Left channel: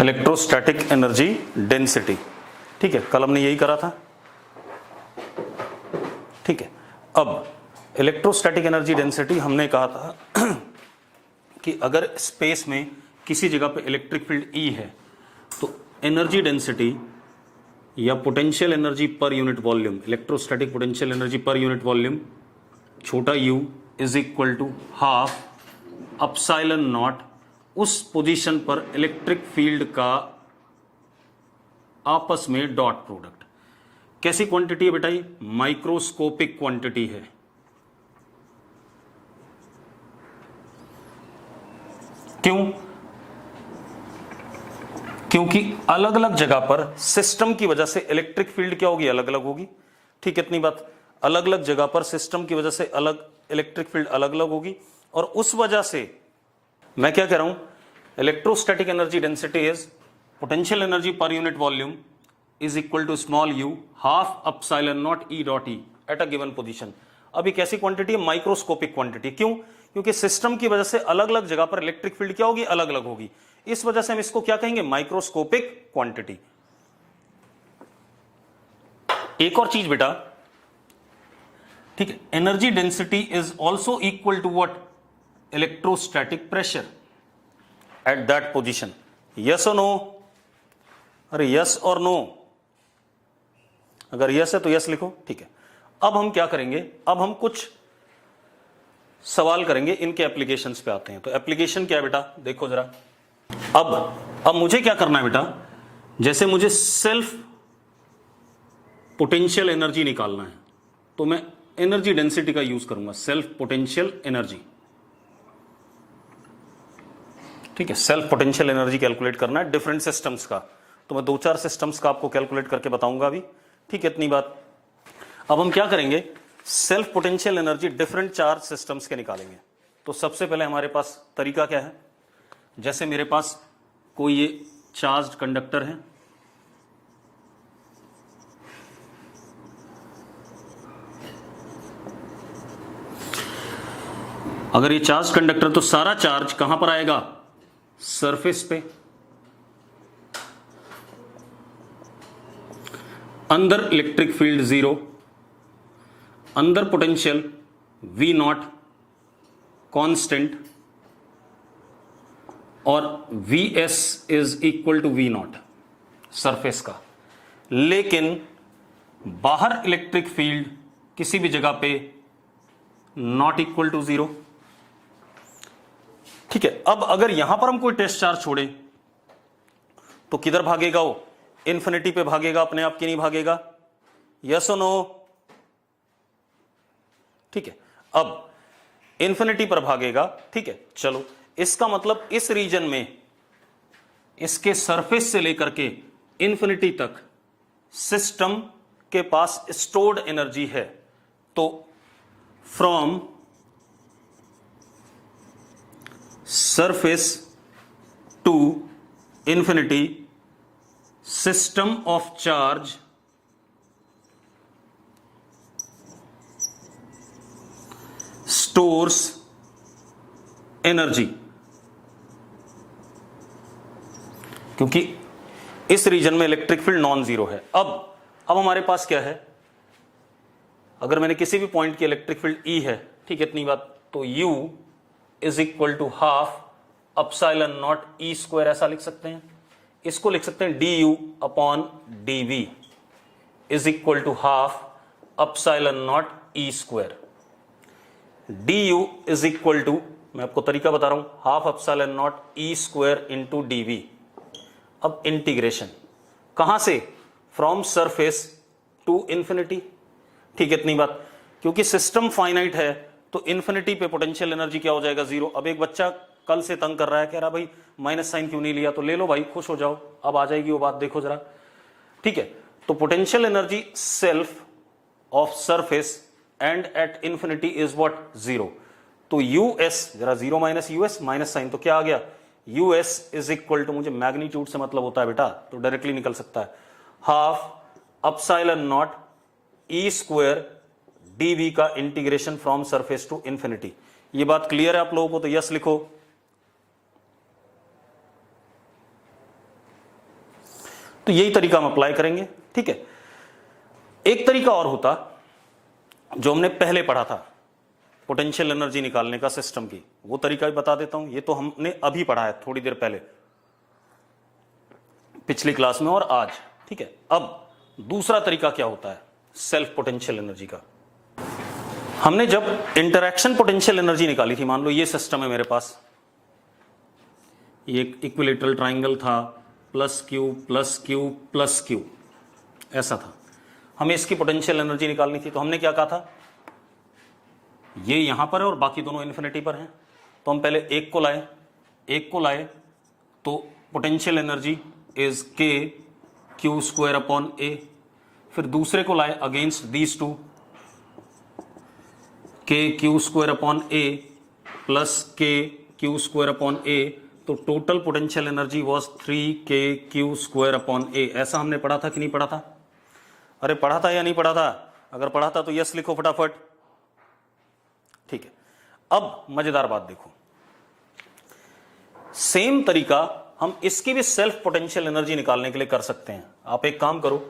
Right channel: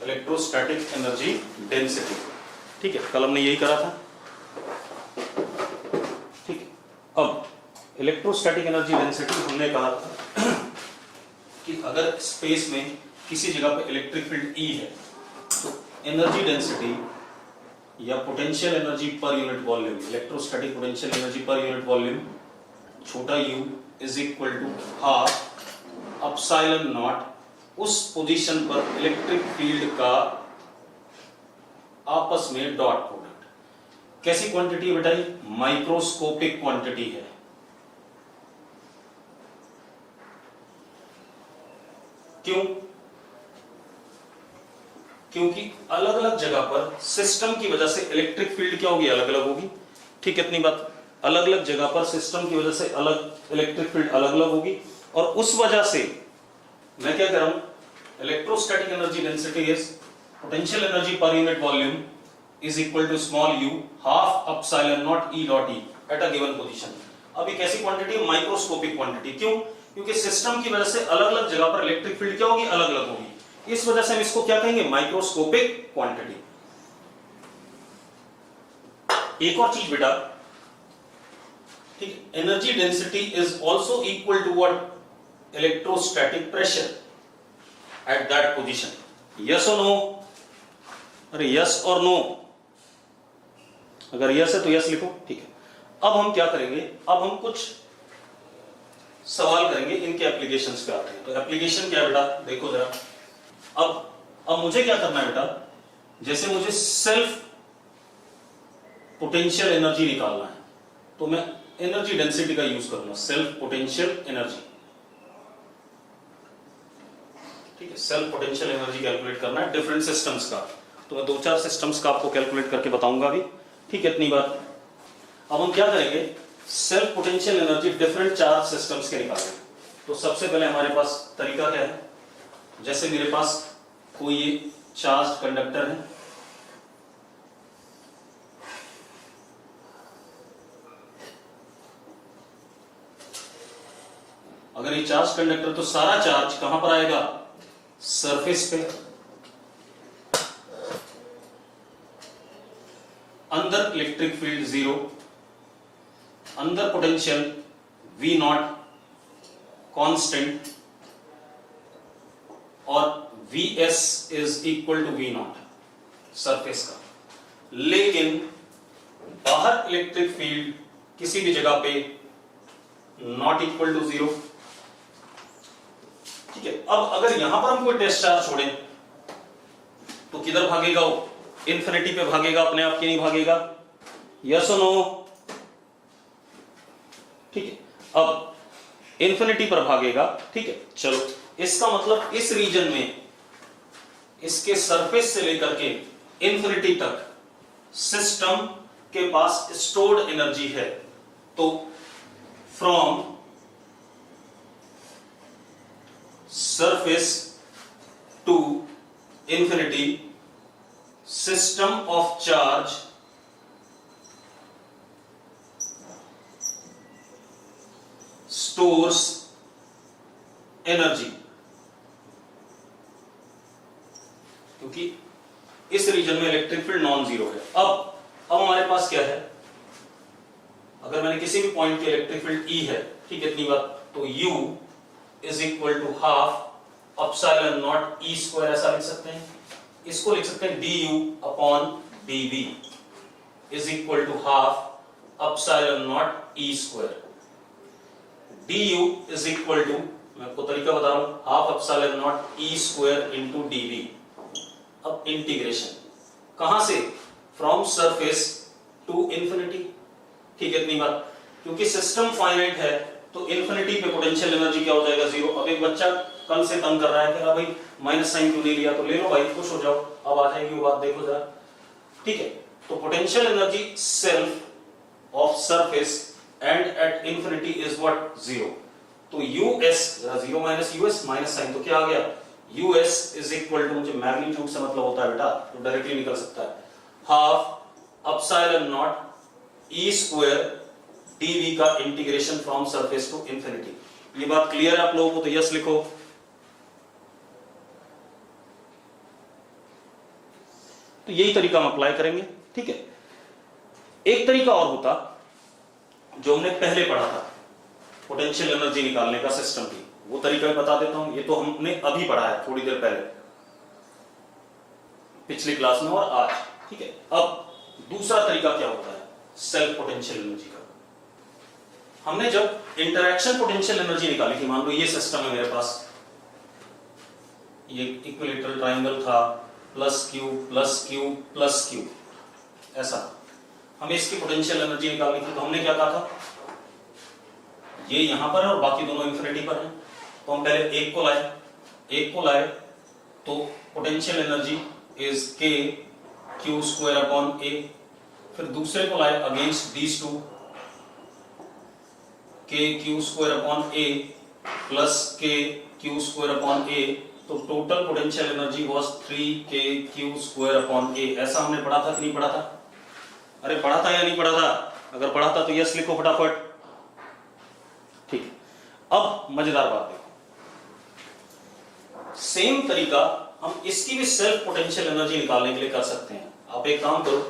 Electrostatic energy density. ठीक है, कल हमने यही करा था। ठीक है, अब इलेक्ट्रोस्टैटिक एनर्जी डेंसिटी हमने कहा था कि अगर स्पेस में किसी जगह पे इलेक्ट्रिक फील्ड E है तो एनर्जी डेंसिटी या potential energy per unit volume, electrostatic potential energy per unit volume छोटा u is equal to half epsilon naught उस पोजीशन पर इलेक्ट्रिक फील्ड का आपस में डॉट प्रोडक्ट। कैसी क्वांटिटी है बेटा? माइक्रोस्कोपिक क्वांटिटी है। क्यों? क्योंकि अलग अलग जगह पर सिस्टम की वजह से इलेक्ट्रिक फील्ड क्या होगी? अलग अलग होगी। ठीक है, इतनी बात। अलग अलग जगह पर सिस्टम की वजह से अलग इलेक्ट्रिक फील्ड अलग अलग होगी और उस वजह से मैं क्या कह रहा हूं, electrostatic energy density is potential energy per unit volume is equal to small u half epsilon naught E dot E at a given position. अब एक ऐसी क्वांटिटी है माइक्रोस्कोपिक क्वांटिटी। क्यों? क्योंकि सिस्टम की वजह से अलग अलग जगह पर इलेक्ट्रिक फील्ड क्या होगी? अलग अलग होगी। इस वजह से हम इसको क्या कहेंगे? Microscopic quantity. एक और चीज बेटा, ठीक है, energy density is also equal to what? Electrostatic pressure at that position. Yes और नो? अरे यस और नो? अगर यस है तो यस लिखो। ठीक है, अब हम क्या करेंगे? अब हम कुछ सवाल करेंगे, इनके एप्लीकेशंस पे आते हैं। तो एप्लीकेशन क्या है बेटा? देखो जरा। अब मुझे क्या करना है बेटा? जैसे मुझे सेल्फ पोटेंशियल एनर्जी निकालना है तो मैं एनर्जी डेंसिटी का यूज करूंगा, सेल्फ पोटेंशियल एनर्जी। ठीक है, सेल्फ पोटेंशियल एनर्जी कैलकुलेट करना है डिफरेंट सिस्टम्स का। तो मैं 2-4 सिस्टम्स का आपको कैलकुलेट करके बताऊंगा अभी। ठीक है, इतनी बात। अब हम क्या करेंगे? Self potential energy different charge systems के निकालेंगे। तो सबसे पहले हमारे पास तरीका क्या है? जैसे मेरे पास कोई ये चार्ज कंडक्टर है, अगर ये चार्ज कंडक्टर, तो सारा चार्ज कहां पर आएगा? सरफेस पे। अंदर इलेक्ट्रिक फील्ड 0, अंदर पोटेंशियल V नॉट कांस्टेंट और Vs is equal to V naught surface का। लेकिन बाहर इलेक्ट्रिक फील्ड किसी भी जगह पे नॉट इक्वल टू 0। ठीक है, अब अगर यहां पर हम कोई टेस्ट चार्ज छोड़ें तो किधर भागेगा वो? इन्फिनिटी पे भागेगा, अपने आप के नहीं भागेगा। यस और नो? ठीक है, अब इन्फिनिटी पर भागेगा। ठीक है, चलो, इसका मतलब इस रीजन में, इसके सरफेस से लेकर के इन्फिनिटी तक सिस्टम के पास स्टोर्ड एनर्जी है। तो from surface to infinity system of charge stores energy। क्योंकि इस रीजन में इलेक्ट्रिक फील्ड नॉन जीरो है। अब हमारे पास क्या है? अगर मैंने किसी भी पॉइंट की इलेक्ट्रिक फील्ड E है, ठीक है, इतनी बात, तो U is equal to half epsilon naught E square, ऐसा लिख सकते हैं। इसको लिख सकते हैं du upon dv is equal to half epsilon naught E square. du is equal to, मैं आपको तरीका बता रहा हूं, half epsilon naught E square into dv। अब इंटीग्रेशन कहां से? From surface to infinity. ठीक है, इतनी बात। क्योंकि सिस्टम फाइनाइट है तो इन्फिनिटी पे पोटेंशियल एनर्जी क्या हो जाएगा? 0। अब एक बच्चा कल से तंग कर रहा है, कह रहा भाई माइनस साइन क्यों नहीं लिया? तो ले लो भाई, खुश हो जाओ, अब आ जाएगी वो बात, देखो जरा। ठीक है, तो potential energy self of surface and eight infinity is what? 0। तो यूएस, जरा 0 माइनस यूएस, माइनस साइन, तो क्या आ गया? यूएस इज इक्वल टू, मुझे मैग्नीट्यूड से मतलब होता है बेटा, तो डायरेक्टली निकल सकता है, half epsilon naught E square dv का integration from surface to infinity. ये बात क्लियर है आप लोगों को? तो यस लिखो। तो यही तरीका हम अप्लाई करेंगे। ठीक है, एक तरीका और होता जो हमने पहले पढ़ा था पोटेंशियल एनर्जी निकालने का सिस्टम की, वो तरीका भी बता देता हूं। ये तो हमने अभी पढ़ा है थोड़ी देर पहले पिछली क्लास में और आज। ठीक है, अब दूसरा तरीका क्या होता है सेल्फ पोटेंशियल एनर्जी का। हमने जब इंटरैक्शन पोटेंशियल एनर्जी निकाली थी, मान लो ये सिस्टम है मेरे पास, ये इक्विलेटरल ट्राइंगल था, plus Q plus Q plus Q, ऐसा था। हमें इसकी पोटेंशियल एनर्जी निकालनी थी, तो हमने क्या कहा था, ये यहां पर है और बाकी दोनों इन्फिनिटी पर हैं, तो हम पहले एक को लाए तो potential energy is k q square upon a. फिर दूसरे को लाए against these two, k q square upon a plus k q square upon a, तो total potential energy was 3k q square upon a. ऐसा हमने पढ़ा था कि नहीं पढ़ा था? अरे पढ़ा था या नहीं पढ़ा था? अगर पढ़ा था तो यस लिखो फटाफट। ठीक है, अब मजेदार बात देखो, सेम तरीका हम इसकी भी सेल्फ पोटेंशियल एनर्जी निकालने के लिए कर सकते हैं। आप एक काम करो,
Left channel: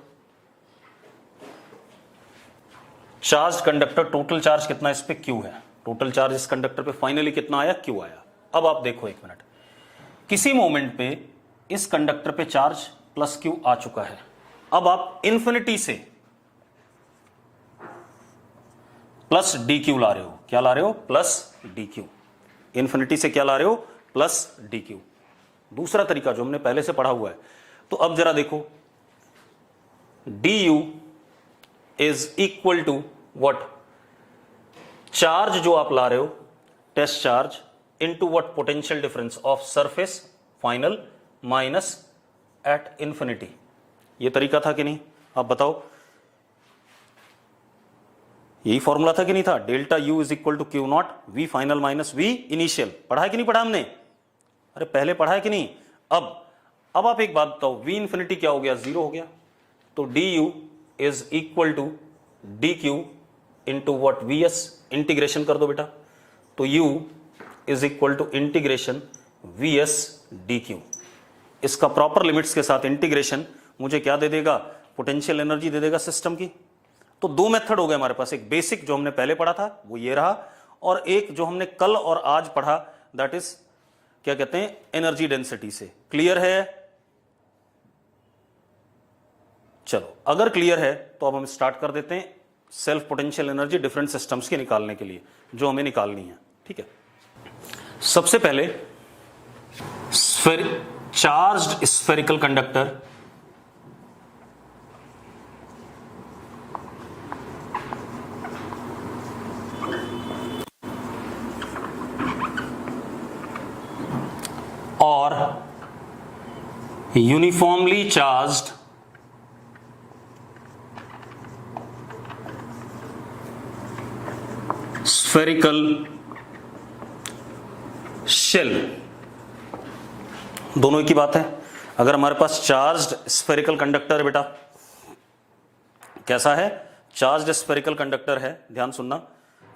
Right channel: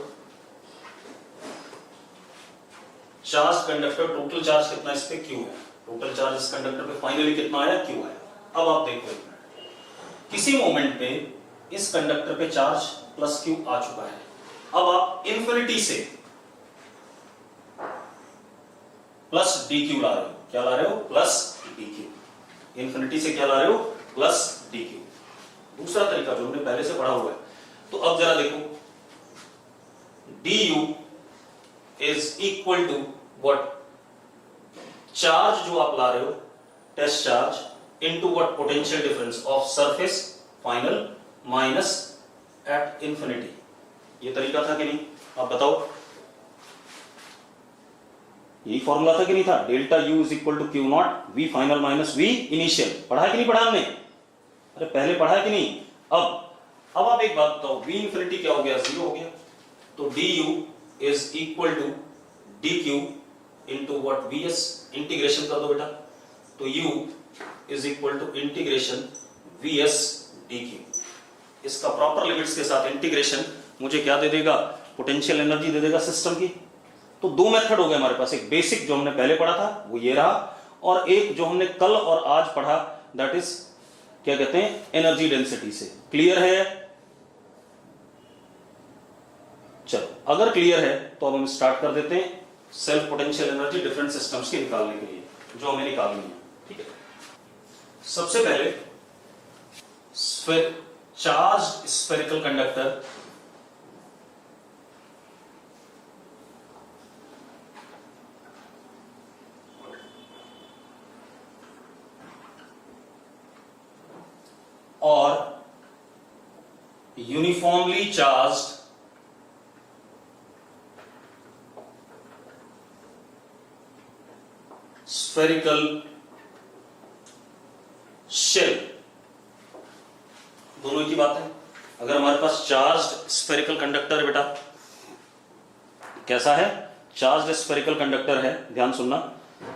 चार्ज कंडक्टर, टोटल चार्ज कितना इस पे क्यू है, टोटल चार्ज इस कंडक्टर पे फाइनली कितना आया, क्यू आया। अब आप देखो एक मिनट, किसी मोमेंट पे इस कंडक्टर पे चार्ज प्लस क्यू आ चुका है। अब आप इंफिनिटी से प्लस डी क्यू ला रहे हो। क्या ला रहे हो? Plus D Q. इंफिनिटी से क्या ला रहे हो? Plus D Q. दूसरा तरीका जो हमने पहले से पढ़ा हुआ है, तो अब जरा देखो, d you is equal to what, charge जो आप ला रहे हो test charge into what, potential difference of surface final minus at infinity. ये तरीका था कि नहीं? आप बताओ, यही फॉर्मूला था कि नहीं था? Delta u is equal to q naught v final minus v initial. पढ़ा है कि नहीं पढ़ा हमने? अरे पहले पढ़ा है कि नहीं? अब आप एक बात बताओ, वी इंफिनिटी क्या हो गया? जीरो हो गया। तो D you is equal to D Q into what, V S. Integration कर दो बेटा, तो U is equal to integration V S D Q. इसका प्रॉपर लिमिट्स के साथ इंटीग्रेशन मुझे क्या दे देगा? पोटेंशियल एनर्जी दे देगा सिस्टम की। तो दो मेथड हो गए हमारे पास, एक बेसिक जो हमने पहले पढ़ा था वो ये रहा, और एक जो हमने कल और आज पढ़ा, दैट इज क्या कहते हैं, एनर्जी डेंसिटी से। क्लियर है? चलो, अगर क्लियर है तो अब हम स्टार्ट कर देते हैं self potential energy different systems की निकालने के लिए, जो हमें निकालनी है। ठीक है, सबसे पहले चार्ज्ड स्फेरिकल कंडक्टर और यूनिफॉर्मली चार्ज्ड स्फेरिकल शेल, दोनों की बात है। अगर हमारे पास चार्ज्ड स्फेरिकल कंडक्टर बेटा कैसा है, चार्ज्ड स्फेरिकल कंडक्टर है, ध्यान सुनना,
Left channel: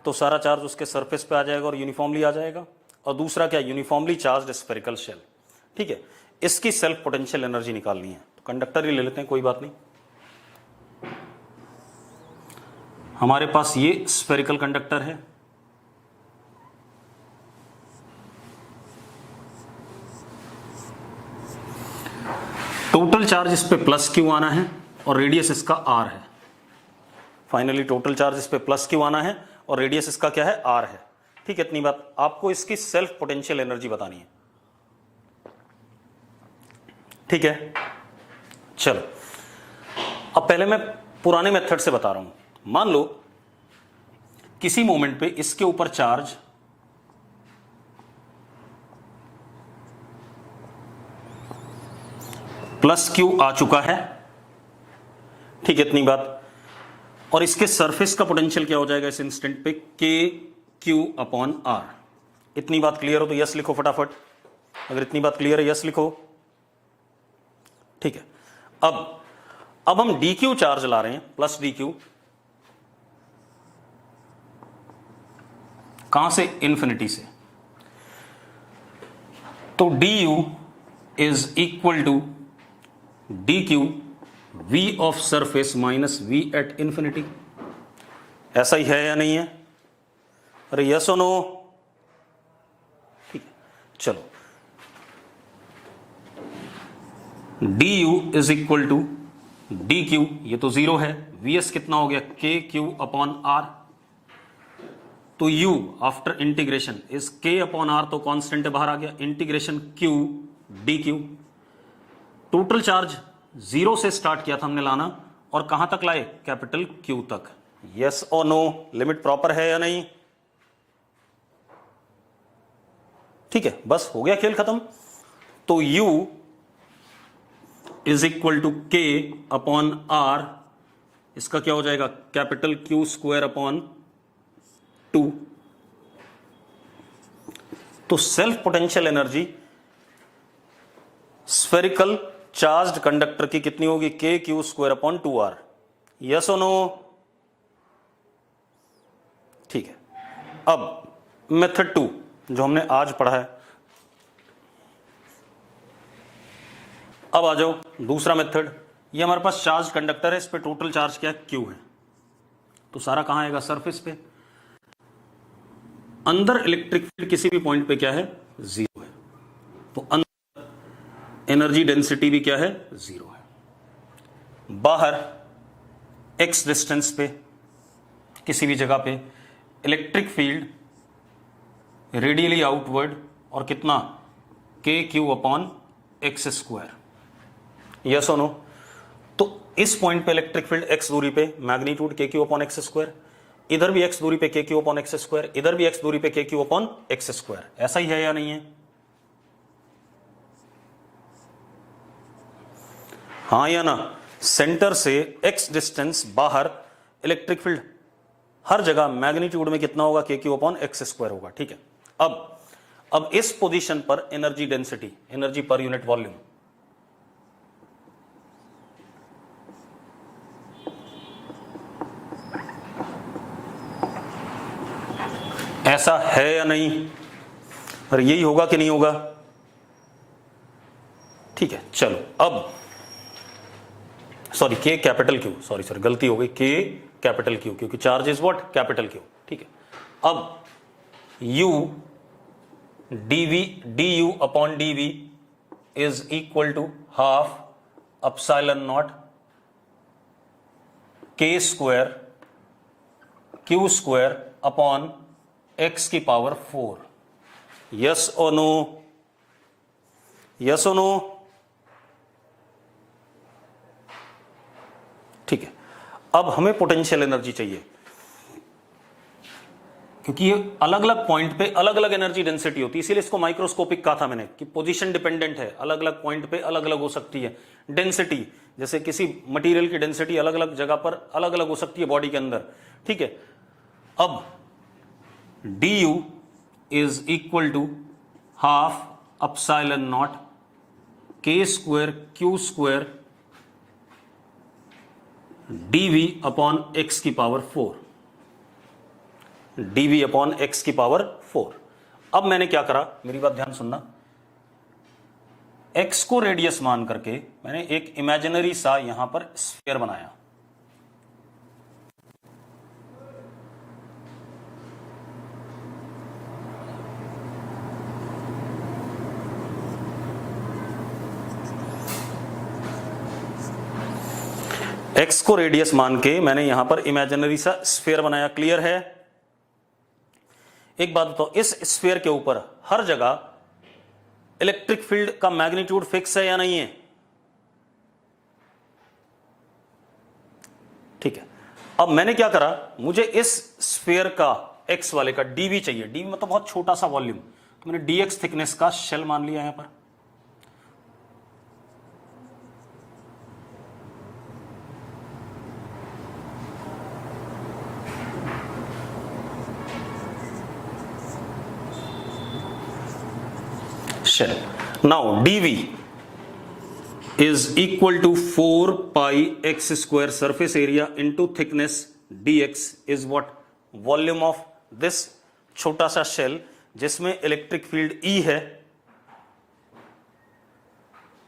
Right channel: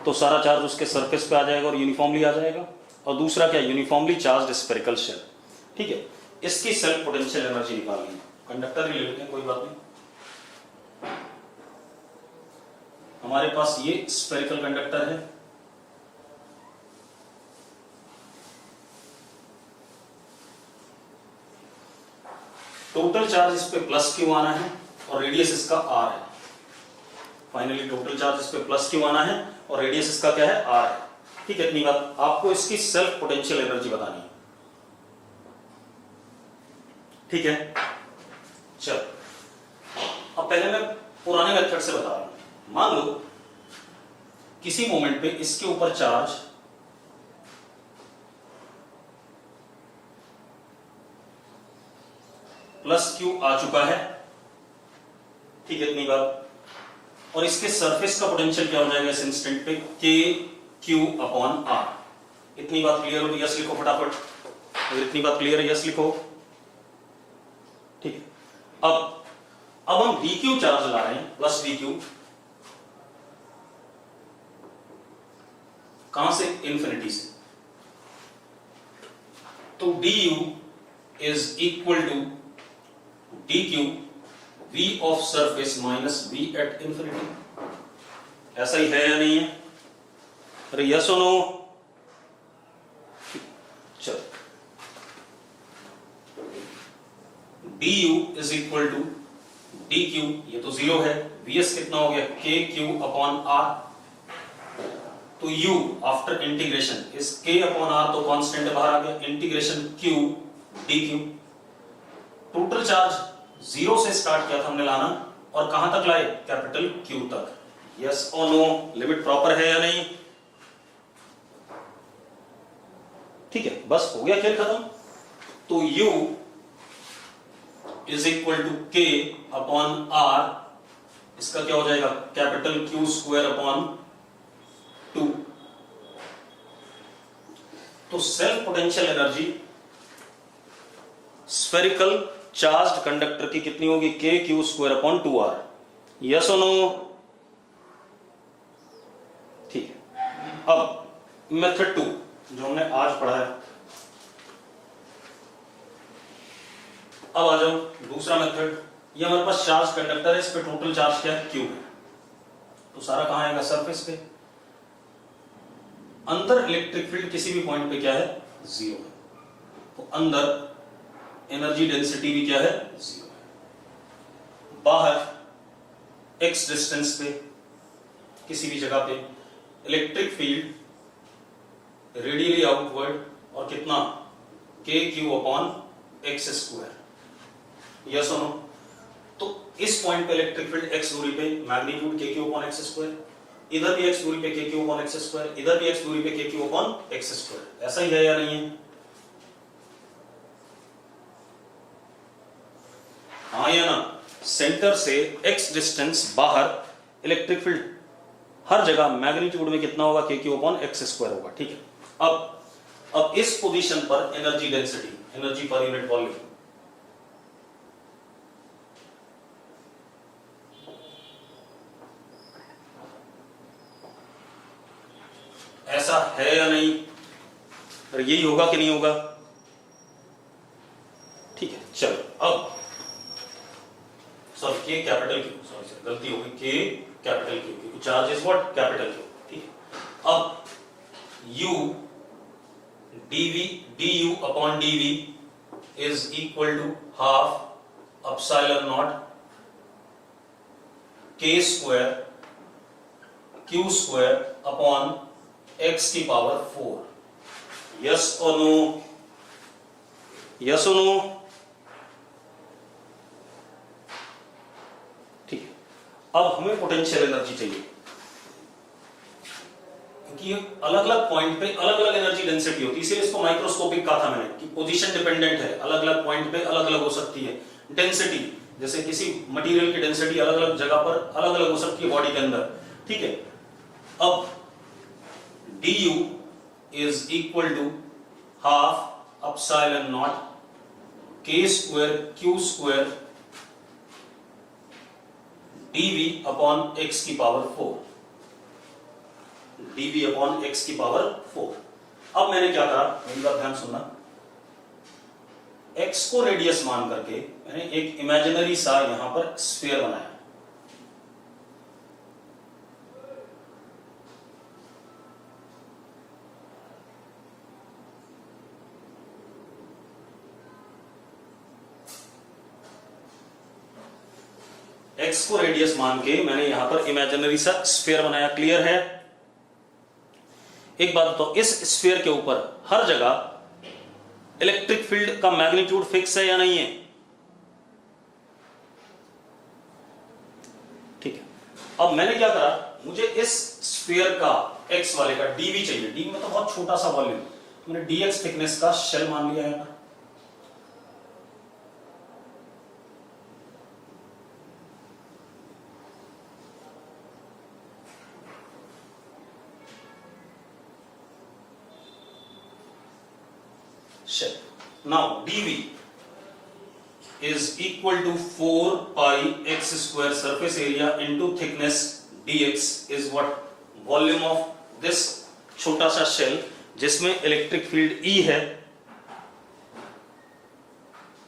तो सारा चार्ज उसके सरफेस पे आ जाएगा और यूनिफॉर्मली आ जाएगा। और दूसरा क्या, यूनिफॉर्मली चार्ज्ड स्फेरिकल शेल। ठीक है, इसकी सेल्फ पोटेंशियल एनर्जी निकालनी है। कंडक्टर ही ले लेते हैं, कोई बात नहीं। हमारे पास ये स्फेरिकल कंडक्टर है, टोटल चार्ज इस पे प्लस क्यू आना है और रेडियस इसका आर है। फाइनली टोटल चार्ज इस पे प्लस क्यू आना है और रेडियस इसका क्या है, आर है। ठीक है, इतनी बात। आपको इसकी सेल्फ पोटेंशियल एनर्जी बतानी है। ठीक है, चलो, अब पहले मैं पुराने मेथड से बता रहा हूं। मान लो किसी मोमेंट पे इसके ऊपर चार्ज प्लस क्यू आ चुका है। ठीक है, इतनी बात। और इसके सरफेस का पोटेंशियल क्या हो जाएगा इस इंस्टेंट पे, के क्यू अपॉन आर। इतनी बात क्लियर हो तो यस लिखो फटाफट। अगर इतनी बात क्लियर है यस लिखो। ठीक है, अब हम डी क्यू चार्ज ला रहे हैं, प्लस डी क्यू, कहां से, इंफिनिटी से। तो D you is equal to D Q V of surface minus V at infinity. ऐसा ही है या नहीं है? अरे यस और नो? चलो, D you is equal to D Q, ये तो जीरो है, वी एस कितना हो गया के क्यू अपॉन आर। तो यू आफ्टर इंटीग्रेशन इज के अपॉन आर, तो कांस्टेंट बाहर आ गया, integration Q D Q. Total charge zero से स्टार्ट किया था हमने लाना और कहां तक लाए? कैपिटल क्यू तक। यस और नो? लिमिट प्रॉपर है या नहीं? ठीक है, बस हो गया खेल खत्म। तो u इज इक्वल टू के अपॉन आर, इसका क्या हो जाएगा? Capital Q square upon 2। तो self potential energy spherical charged conductor की कितनी होगी? के q square upon 2r। Yes और नो? ठीक है, अब मेथड 2 जो हमने आज पढ़ा है, अब आ जाओ दूसरा मेथड। ये हमारे पास चार्ज कंडक्टर है, इस पे टोटल चार्ज क्या है? क्यू है। तो सारा कहां आएगा? सरफेस पे। अंदर इलेक्ट्रिक फील्ड किसी भी पॉइंट पे क्या है? जीरो है। तो अंदर एनर्जी डेंसिटी भी क्या है? जीरो है। बाहर एक्स डिस्टेंस पे किसी भी जगह पे इलेक्ट्रिक फील्ड रेडियली आउटवर्ड और कितना? के Q upon x square. Yes और नो? तो इस पॉइंट पे इलेक्ट्रिक फील्ड एक्स दूरी पे मैग्नीट्यूड के क्यू अपॉन एक्स स्क्वायर, इधर भी एक्स दूरी पे के क्यू अपॉन एक्स स्क्वायर, इधर भी एक्स दूरी पे के क्यू अपॉन एक्स स्क्वायर। ऐसा ही है या नहीं है? हाँ या ना? सेंटर से एक्स डिस्टेंस बाहर इलेक्ट्रिक फील्ड हर जगह मैग्नीट्यूड में कितना होगा? के क्यू अपॉन एक्स स्क्वायर होगा। ठीक है, अब इस पोजीशन पर energy density, energy per unit volume, ऐसा है या नहीं? और यही होगा कि नहीं होगा? ठीक है, चलो अब सॉरी के कैपिटल क्यू, सॉरी गलती हो गई, के कैपिटल क्यू, क्योंकि charge is what? Capital q. ठीक है, अब u dv du upon dv is equal to half epsilon naught k square q square upon x की पावर 4। यस और नो? यस और नो? ठीक है, अब हमें पोटेंशियल एनर्जी चाहिए, क्योंकि ये अलग अलग पॉइंट पे अलग अलग एनर्जी डेंसिटी होती है, इसीलिए इसको माइक्रोस्कोपिक कहा था मैंने कि पोजीशन डिपेंडेंट है, अलग अलग पॉइंट पे अलग अलग हो सकती है डेंसिटी। जैसे किसी मटेरियल की डेंसिटी अलग अलग जगह पर अलग अलग हो सकती है बॉडी के अंदर। ठीक है, अब du is equal to half epsilon naught k square q square dv upon x की पावर 4, dv अपॉन x की पावर 4। अब मैंने क्या करा, मेरी बात ध्यान सुनना, x को रेडियस मान करके मैंने एक इमेजिनरी सा यहां पर स्फीयर बनाया। x को रेडियस मान के मैंने यहां पर इमेजिनरी सा स्फीयर बनाया। क्लियर है? एक बात बताओ, इस स्फीयर के ऊपर हर जगह इलेक्ट्रिक फील्ड का मैग्नीट्यूड फिक्स है या नहीं है? ठीक है, अब मैंने क्या करा, मुझे इस स्फीयर का x वाले का dv चाहिए। dv मतलब बहुत छोटा सा वॉल्यूम, तो मैंने dx थिकनेस का शेल मान लिया है यहां पर। shell. Now dv is equal to 4 pi x square surface area into thickness dx is what? Volume of this छोटा सा शेल जिसमें इलेक्ट्रिक फील्ड E है।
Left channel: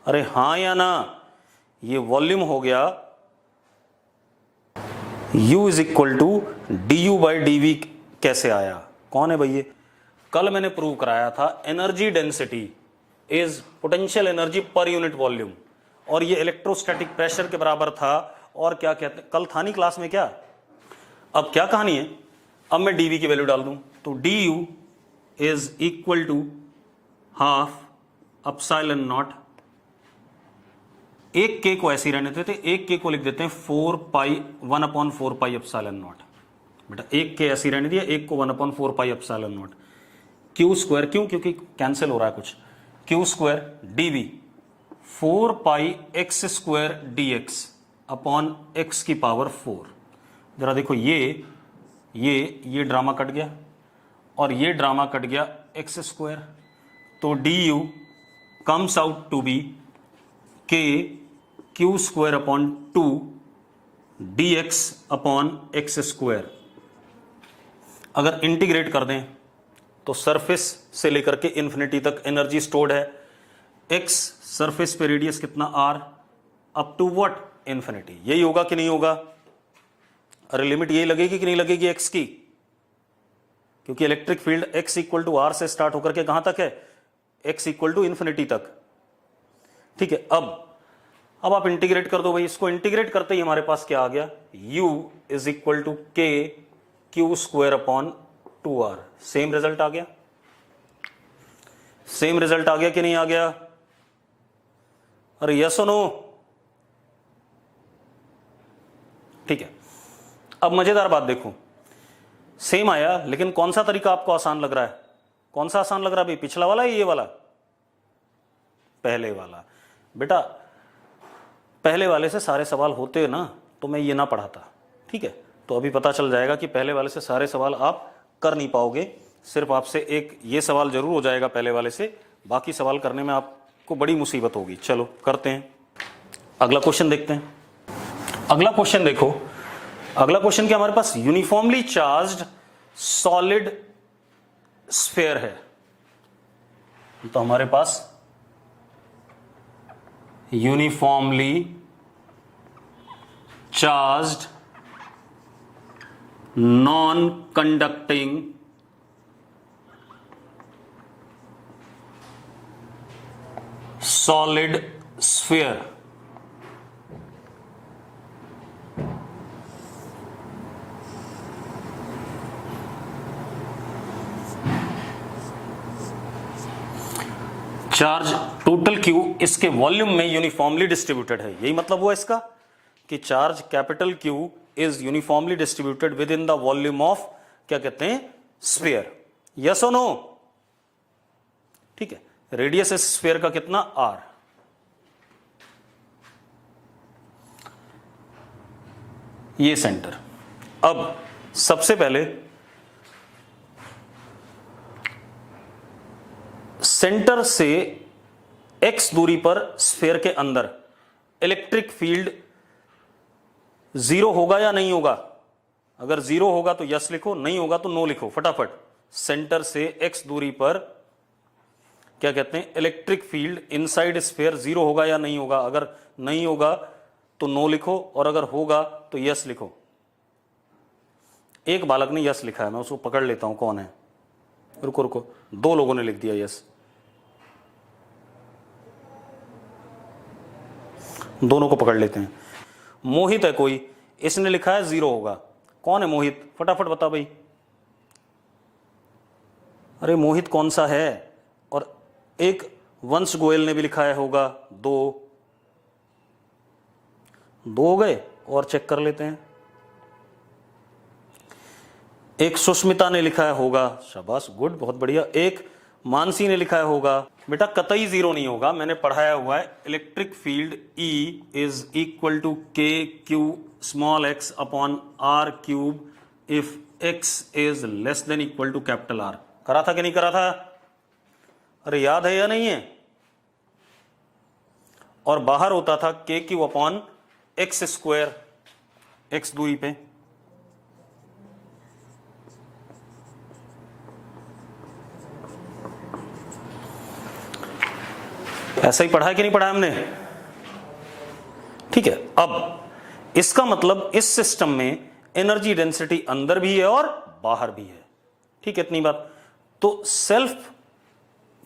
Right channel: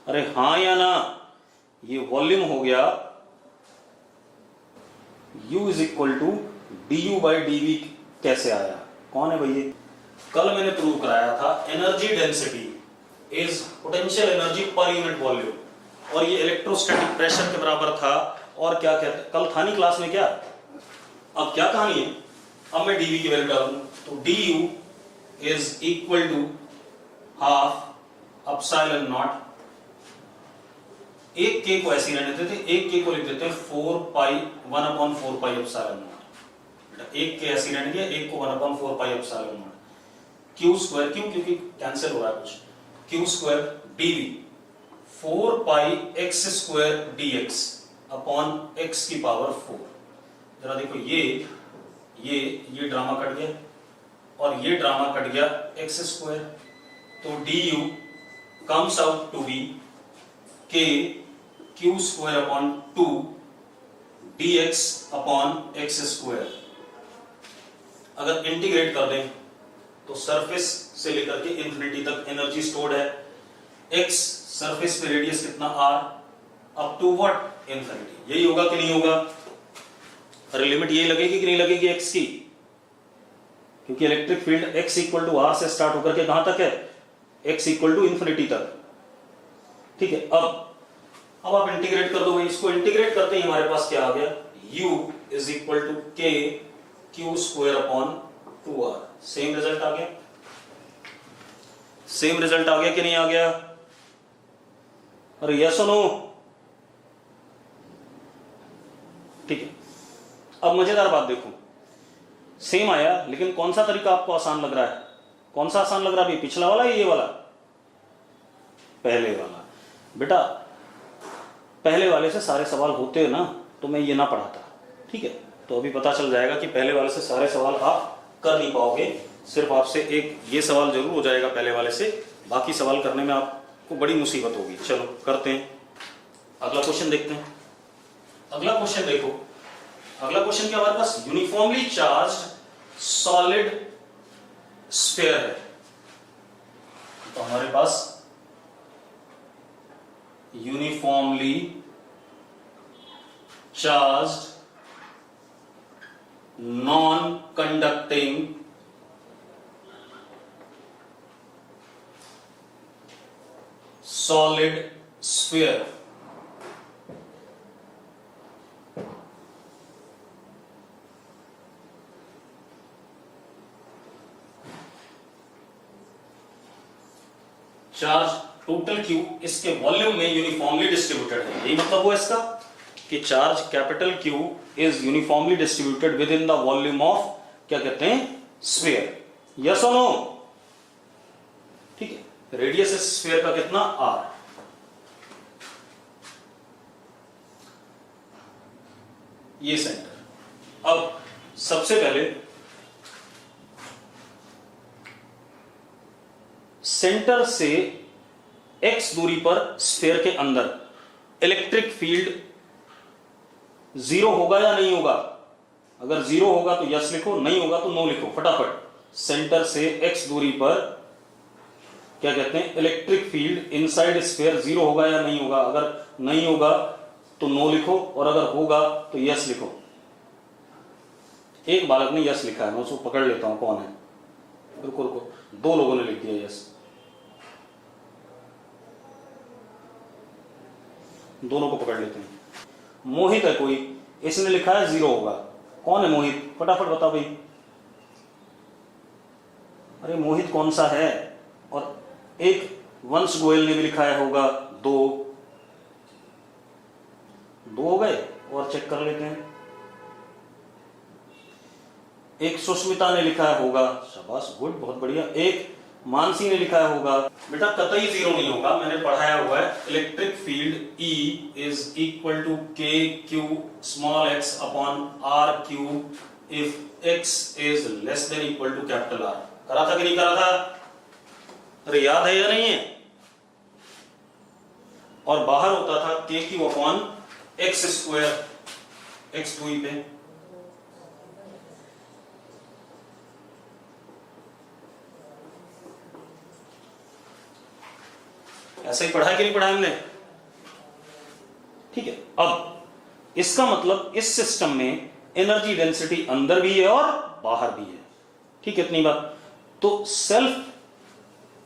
अरे हाँ या ना? ये वॉल्यूम हो गया U is equal to du/dv। कैसे आया, कौन है भैया? कल मैंने प्रूव कराया था energy density is potential energy per unit volume, और ये इलेक्ट्रोस्टैटिक प्रेशर के बराबर था। और क्या कहते, कल था नहीं क्लास में क्या? अब क्या कहानी है, अब मैं dv की वैल्यू डाल दूं तो du is equal to half epsilon naught, एक के को ऐसे ही रहने देते, एक के को लिख देते हैं 1/4 पाई एप्सिलॉन नॉट। बेटा एक के ऐसे ही रहने दिया, एक को 1/4 pi epsilon naught q square, क्यों? क्योंकि कैंसिल हो रहा है कुछ, q square dv 4 pi x square dx upon x की पावर 4। जरा देखो ये ड्रामा कट गया और ये ड्रामा कट गया एक्स स्क्वायर, तो du comes out to be k q square upon 2 dx upon x square. अगर इंटीग्रेट कर दें तो सरफेस से लेकर के इंफिनिटी तक एनर्जी स्टोर्ड है, x सरफेस पे रेडियस कितना r, up to what, infinity. यही होगा कि नहीं होगा? अरे लिमिट ये लगेगी कि नहीं लगेगी x की? क्योंकि electric field x equal to r से स्टार्ट होकर के कहां तक है? x इक्वल टू इंफिनिटी तक। ठीक है, अब आप इंटीग्रेट कर दो भाई, इसको इंटीग्रेट करते ही हमारे पास क्या आ गया, u is equal to k q square upon 2r। Same result आ गया, सेम रिजल्ट आ गया कि नहीं आ गया? अरे यस और नो? ठीक है, अब मजेदार बात देखो, सेम आया, लेकिन कौन सा तरीका आपको आसान लग रहा है? कौन सा आसान लग रहा है भाई, पिछला वाला या ये वाला? पहले वाला। बेटा पहले वाले से सारे सवाल होते ना तो मैं ये ना पढ़ाता, ठीक है? तो अभी पता चल जाएगा कि पहले वाले से सारे सवाल आप कर नहीं पाओगे, सिर्फ आपसे एक ये सवाल जरूर हो जाएगा पहले वाले से, बाकी सवाल करने में आपको बड़ी मुसीबत होगी। चलो करते हैं, अगला क्वेश्चन देखते हैं। अगला क्वेश्चन देखो, अगला क्वेश्चन क्या हमारे पास, यूनिफॉर्मली चार्ज्ड सॉलिड स्फीयर है। तो हमारे पास uniformly charged non conducting solid sphere. Charge total Q इसके वॉल्यूम में यूनिफॉर्मली डिस्ट्रीब्यूटेड है। यही मतलब हुआ इसका कि charge capital Q is uniformly distributed within the volume of, क्या कहते हैं, स्फीयर। यस और नो? ठीक है, रेडियस इस स्फीयर का कितना, r। ये सेंटर। अब सबसे पहले सेंटर से x दूरी पर स्फीयर के अंदर इलेक्ट्रिक फील्ड जीरो होगा या नहीं होगा? अगर जीरो होगा तो यस लिखो, नहीं होगा तो नो लिखो फटाफट। सेंटर से x दूरी पर क्या कहते हैं, electric field inside sphere zero होगा या नहीं होगा? अगर नहीं होगा तो नो लिखो, और अगर होगा तो यस लिखो। एक बालक ने यस लिखा है, मैं उसको पकड़ लेता हूं कौन है। रुको रुको, दो लोगों ने लिख दिया यस, दोनों को पकड़ लेते हैं। मोहित है कोई, इसने लिखा है जीरो होगा। कौन है मोहित, फटाफट बता भाई। अरे मोहित कौन सा है? और एक वंश गोयल ने भी लिखा है होगा, दो हो गए, और चेक कर लेते हैं। एक सुष्मिता ने लिखा है होगा, शाबाश, गुड, बहुत बढ़िया। एक मानसी ने लिखा है होगा। बेटा कतई जीरो नहीं होगा, मैंने पढ़ाया हुआ है। Electric field E is equal to k Q small x upon r cube if x is less than equal to capital R। करा था कि नहीं करा था? अरे याद है या नहीं है? और बाहर होता था k Q upon x square, x दूरी पे। ऐसा ही पढ़ा है कि नहीं पढ़ा हमने? ठीक है। अब इसका मतलब इस सिस्टम में एनर्जी डेंसिटी अंदर भी है और बाहर भी है, ठीक है, इतनी बात। तो सेल्फ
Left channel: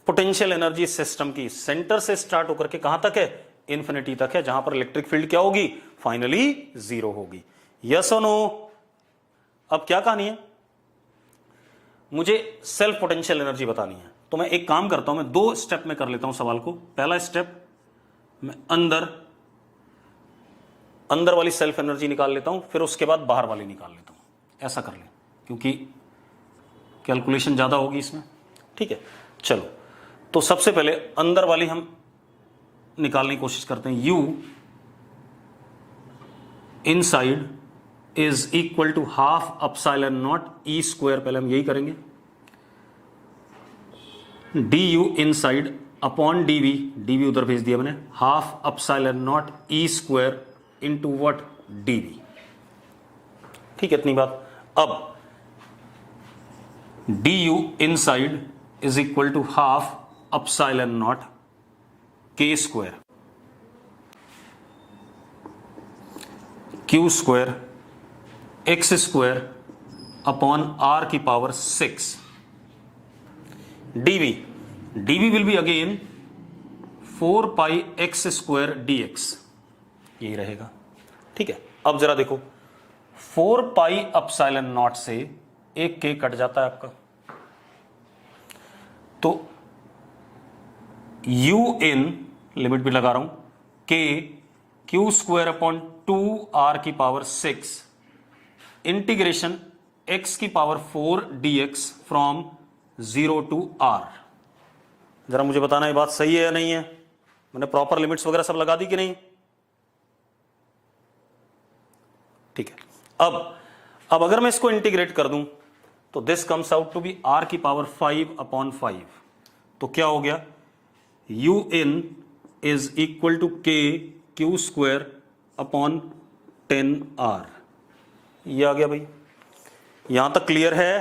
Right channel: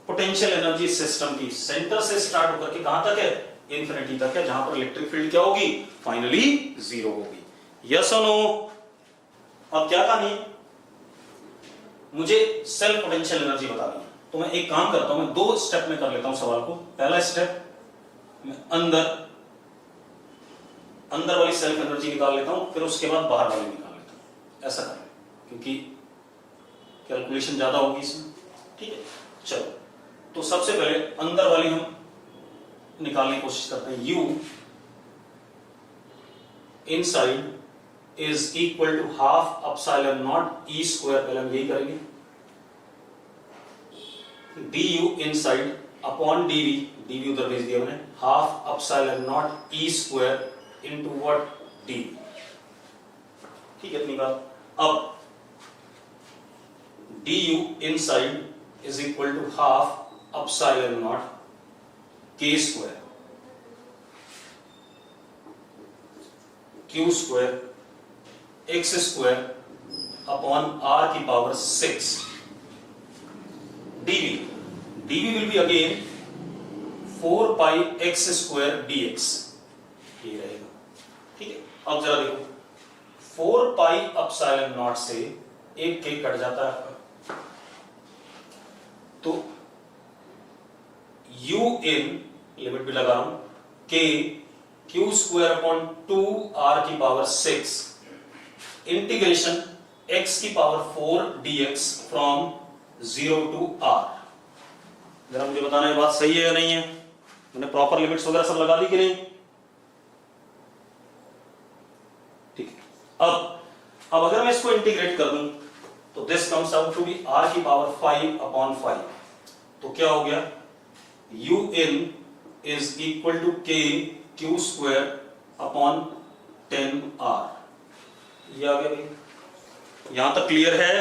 पोटेंशियल एनर्जी सिस्टम की सेंटर से स्टार्ट होकर के कहां तक है, इंफिनिटी तक है, जहां पर इलेक्ट्रिक फील्ड क्या होगी, फाइनली जीरो होगी। यस और नो। अब क्या कहानी है, मुझे सेल्फ पोटेंशियल एनर्जी बतानी है, तो मैं एक काम करता हूं, मैं 2 स्टेप में कर लेता हूं सवाल को। पहला स्टेप, मैं अंदर वाली सेल्फ एनर्जी निकाल लेता हूं, फिर उसके बाद बाहर वाली निकाल लेता हूं। ऐसा कर लें, क्योंकि कैलकुलेशन ज्यादा होगी इसमें, ठीक है। चलो, तो सबसे पहले अंदर वाली हम निकालने की कोशिश करते हैं। U inside is equal to half epsilon naught E square, पहले हम यही करेंगे, du इनसाइड अपॉन dv उधर भेज दिया मैंने, half epsilon naught E square into what dv, ठीक है, इतनी बात। अब du inside is equal to half epsilon naught k square q square x square upon r की power 6 dv will be again 4 pi x square dx, यही रहेगा, ठीक है। अब जरा देखो, 4 पाई अपसाइलन नॉट से एक k कट जाता है आपका, तो u इन लिमिट भी लगा रहा हूं, k q square upon 2r की पावर 6 इंटीग्रेशन x की power 4 dx from 0 to r। जरा मुझे बताना ये बात सही है या नहीं है, मैंने प्रॉपर लिमिट्स वगैरह सब लगा दी कि नहीं, ठीक है। अब अगर मैं इसको इंटीग्रेट कर दूं तो this comes out to be r की पावर 5 अपॉन 5, तो क्या हो गया, u in is equal to k q square upon 10r, ये आ गया भाई। यहां तक क्लियर है,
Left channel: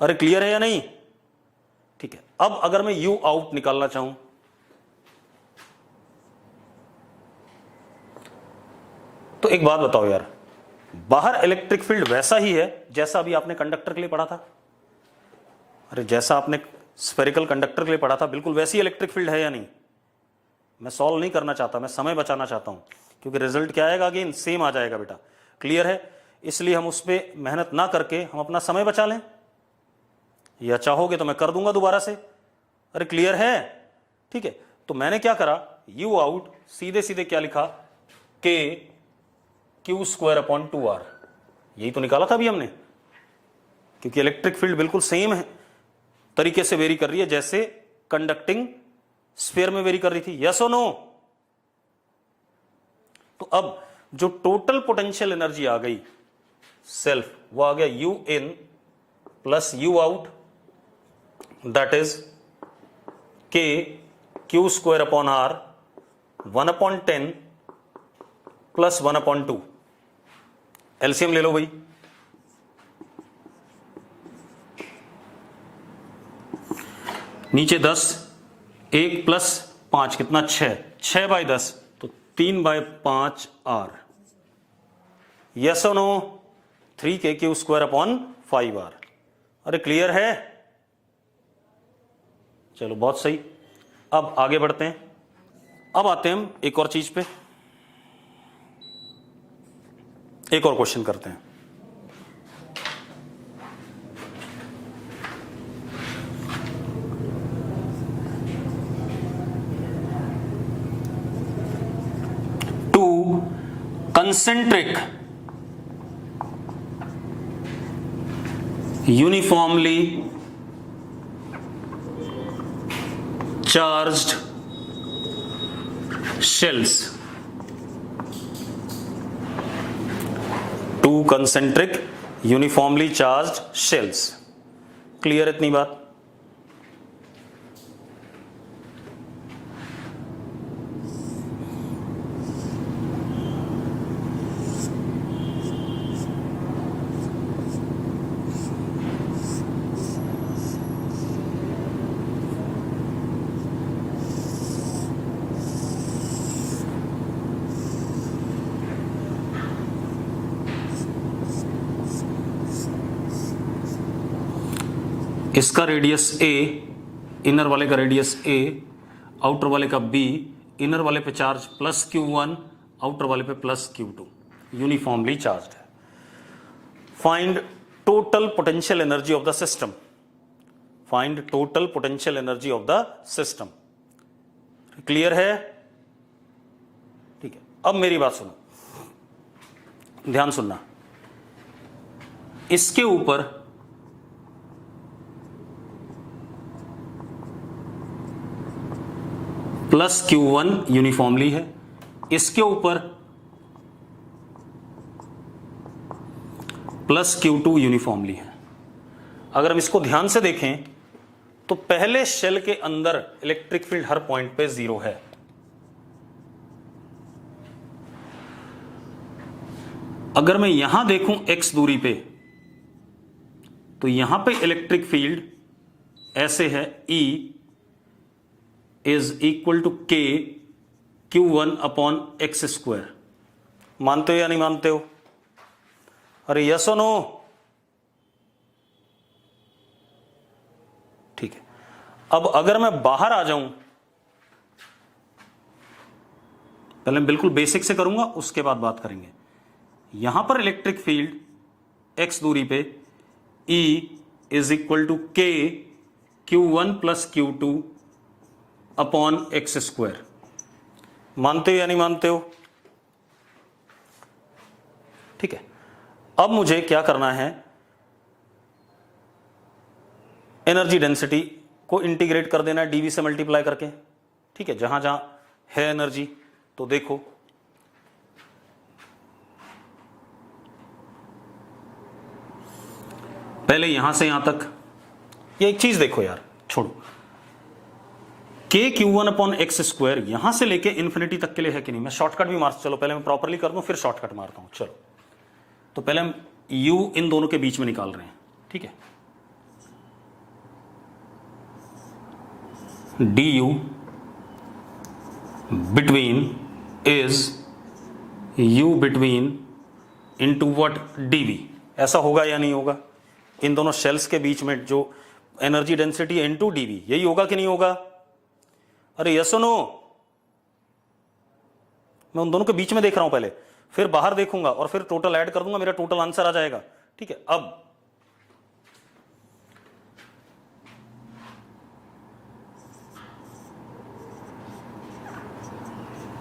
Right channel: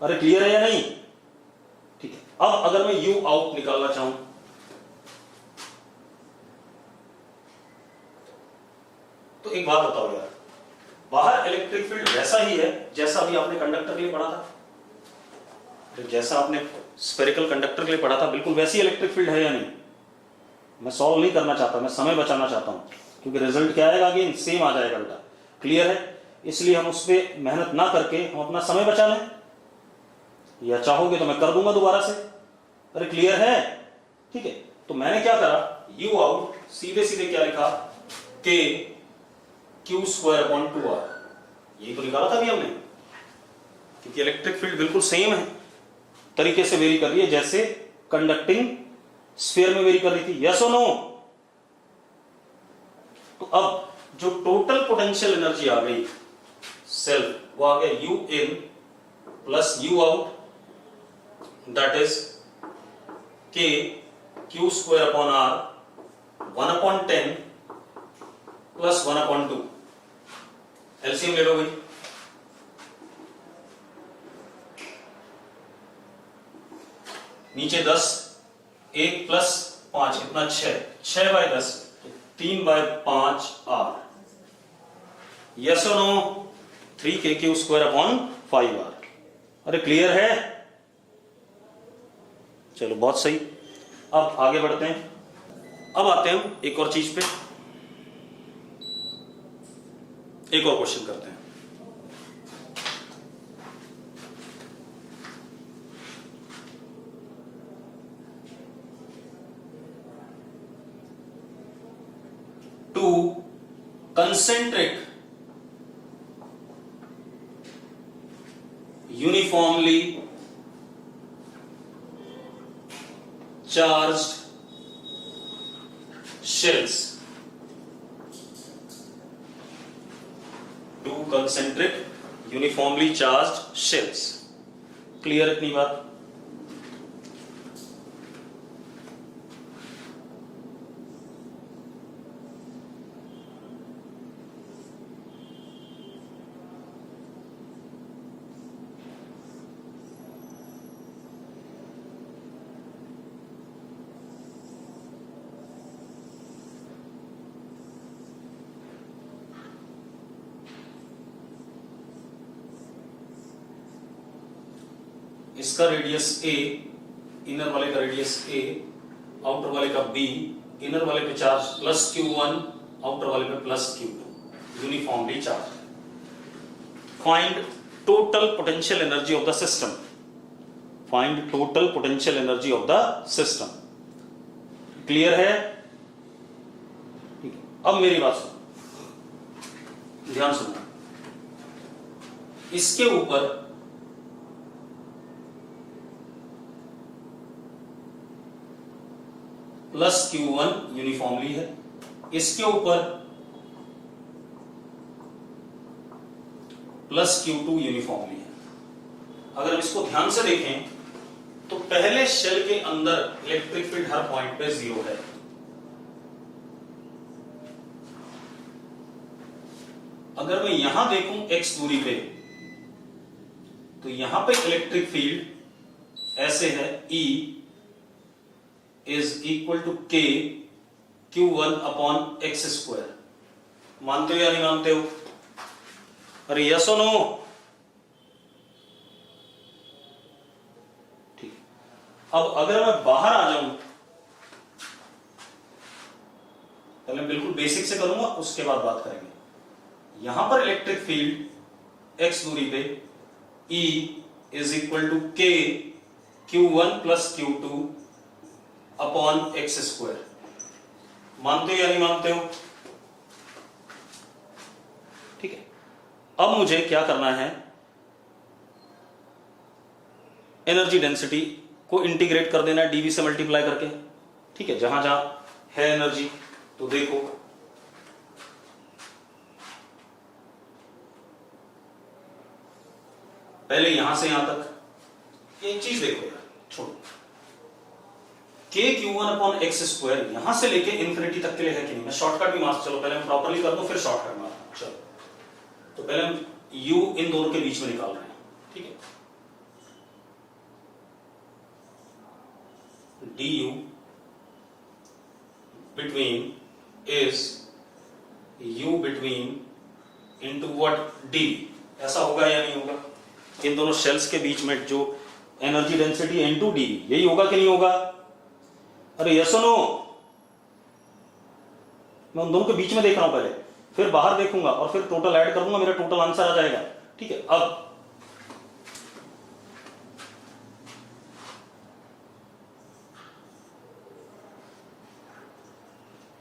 अरे क्लियर है या नहीं, ठीक है। अब अगर मैं u आउट निकालना चाहूं, तो एक बात बताओ यार, बाहर इलेक्ट्रिक फील्ड वैसा ही है जैसा अभी आपने कंडक्टर के लिए पढ़ा था, अरे जैसा आपने स्फेरिकल कंडक्टर के लिए पढ़ा था, बिल्कुल वैसी इलेक्ट्रिक फील्ड है या नहीं। मैं सॉल्व नहीं करना चाहता, मैं समय बचाना चाहता हूं, क्योंकि रिजल्ट क्या आएगा कि सेम आ जाएगा बेटा, क्लियर है। इसलिए हम उस पर मेहनत ना करके हम अपना समय बचा लें, या चाहोगे तो मैं कर दूंगा दोबारा से, अरे क्लियर है, ठीक है। तो मैंने क्या करा, u आउट सीधे सीधे क्या लिखा, k q square upon 2r, यही तो निकाला था अभी हमने, क्योंकि इलेक्ट्रिक फील्ड बिल्कुल सेम है तरीके से वेरी कर रही है जैसे कंडक्टिंग स्फीयर में वेरी कर रही थी, यस और नो। तो अब जो टोटल पोटेंशियल एनर्जी आ गई सेल्फ, वो आ गया u in plus u out, that is k q square upon r 1 upon 10 plus 1 upon 2, LCM ले लो भाई, नीचे 10, 1 प्लस 5 कितना 6 बाय 10, तो 3 बाय 5 r, यस और no, 3k q square upon 5r, अरे क्लियर है, चलो बहुत सही। अब आगे बढ़ते हैं, अब आते हैं हम एक और चीज पे, एक और क्वेश्चन करते हैं। Two concentric uniformly charged shells, two concentric uniformly charged shells, clear इतनी बात। इसका रेडियस a, इनर वाले का रेडियस a, आउटर वाले का b, इनर वाले पे चार्ज प्लस Q1, आउटर वाले पे प्लस Q2, यूनिफॉर्मली चार्ज है। Find total potential energy of the system. Find total potential energy of the system. Clear है? ठीक है, अब मेरी बात सुनो, ध्यान सुनना। इसके ऊपर प्लस Q1 यूनिफॉर्मली है, इसके ऊपर प्लस Q2 यूनिफॉर्मली है। अगर हम इसको ध्यान से देखें तो पहले शेल के अंदर इलेक्ट्रिक फील्ड हर पॉइंट पे 0 है। अगर मैं यहां देखूं x दूरी पे, तो यहां पे इलेक्ट्रिक फील्ड ऐसे है, E is equal to K Q1 upon x square. मानते हो या नहीं मानते हो? अरे यस और नो? ठीक है, अब अगर मैं बाहर आ जाऊं, पहले बिल्कुल बेसिक से करूंगा, उसके बाद बात करेंगे। यहां पर इलेक्ट्रिक फील्ड x दूरी पे E is equal to K Q1 plus Q2 upon x square. मानते हो या नहीं मानते हो? ठीक है, अब मुझे क्या करना है, एनर्जी डेंसिटी को इंटीग्रेट कर देना है डीवी से मल्टीप्लाई करके। ठीक है, जहां जहां है एनर्जी, तो देखो पहले यहां से यहां तक, ये एक चीज देखो यार, छोड़ो, K Q1 upon x square यहां से लेके इंफिनिटी तक के लिए है कि नहीं? मैं शॉर्टकट भी मार, चलो पहले मैं प्रॉपरली कर दूं फिर शॉर्टकट मारता हूं। चलो, तो पहले हम U इन दोनों के बीच में निकाल रहे हैं। ठीक है, du between is U between into what dv। ऐसा होगा या नहीं होगा? इन दोनों शेल्स के बीच में जो एनर्जी डेंसिटी है इनटू dv, यही होगा कि नहीं होगा? अरे यस और नो? मैं उन दोनों के बीच में देख रहा हूं पहले, फिर बाहर देखूंगा और फिर टोटल ऐड कर दूंगा, मेरा टोटल आंसर आ जाएगा। ठीक है, अब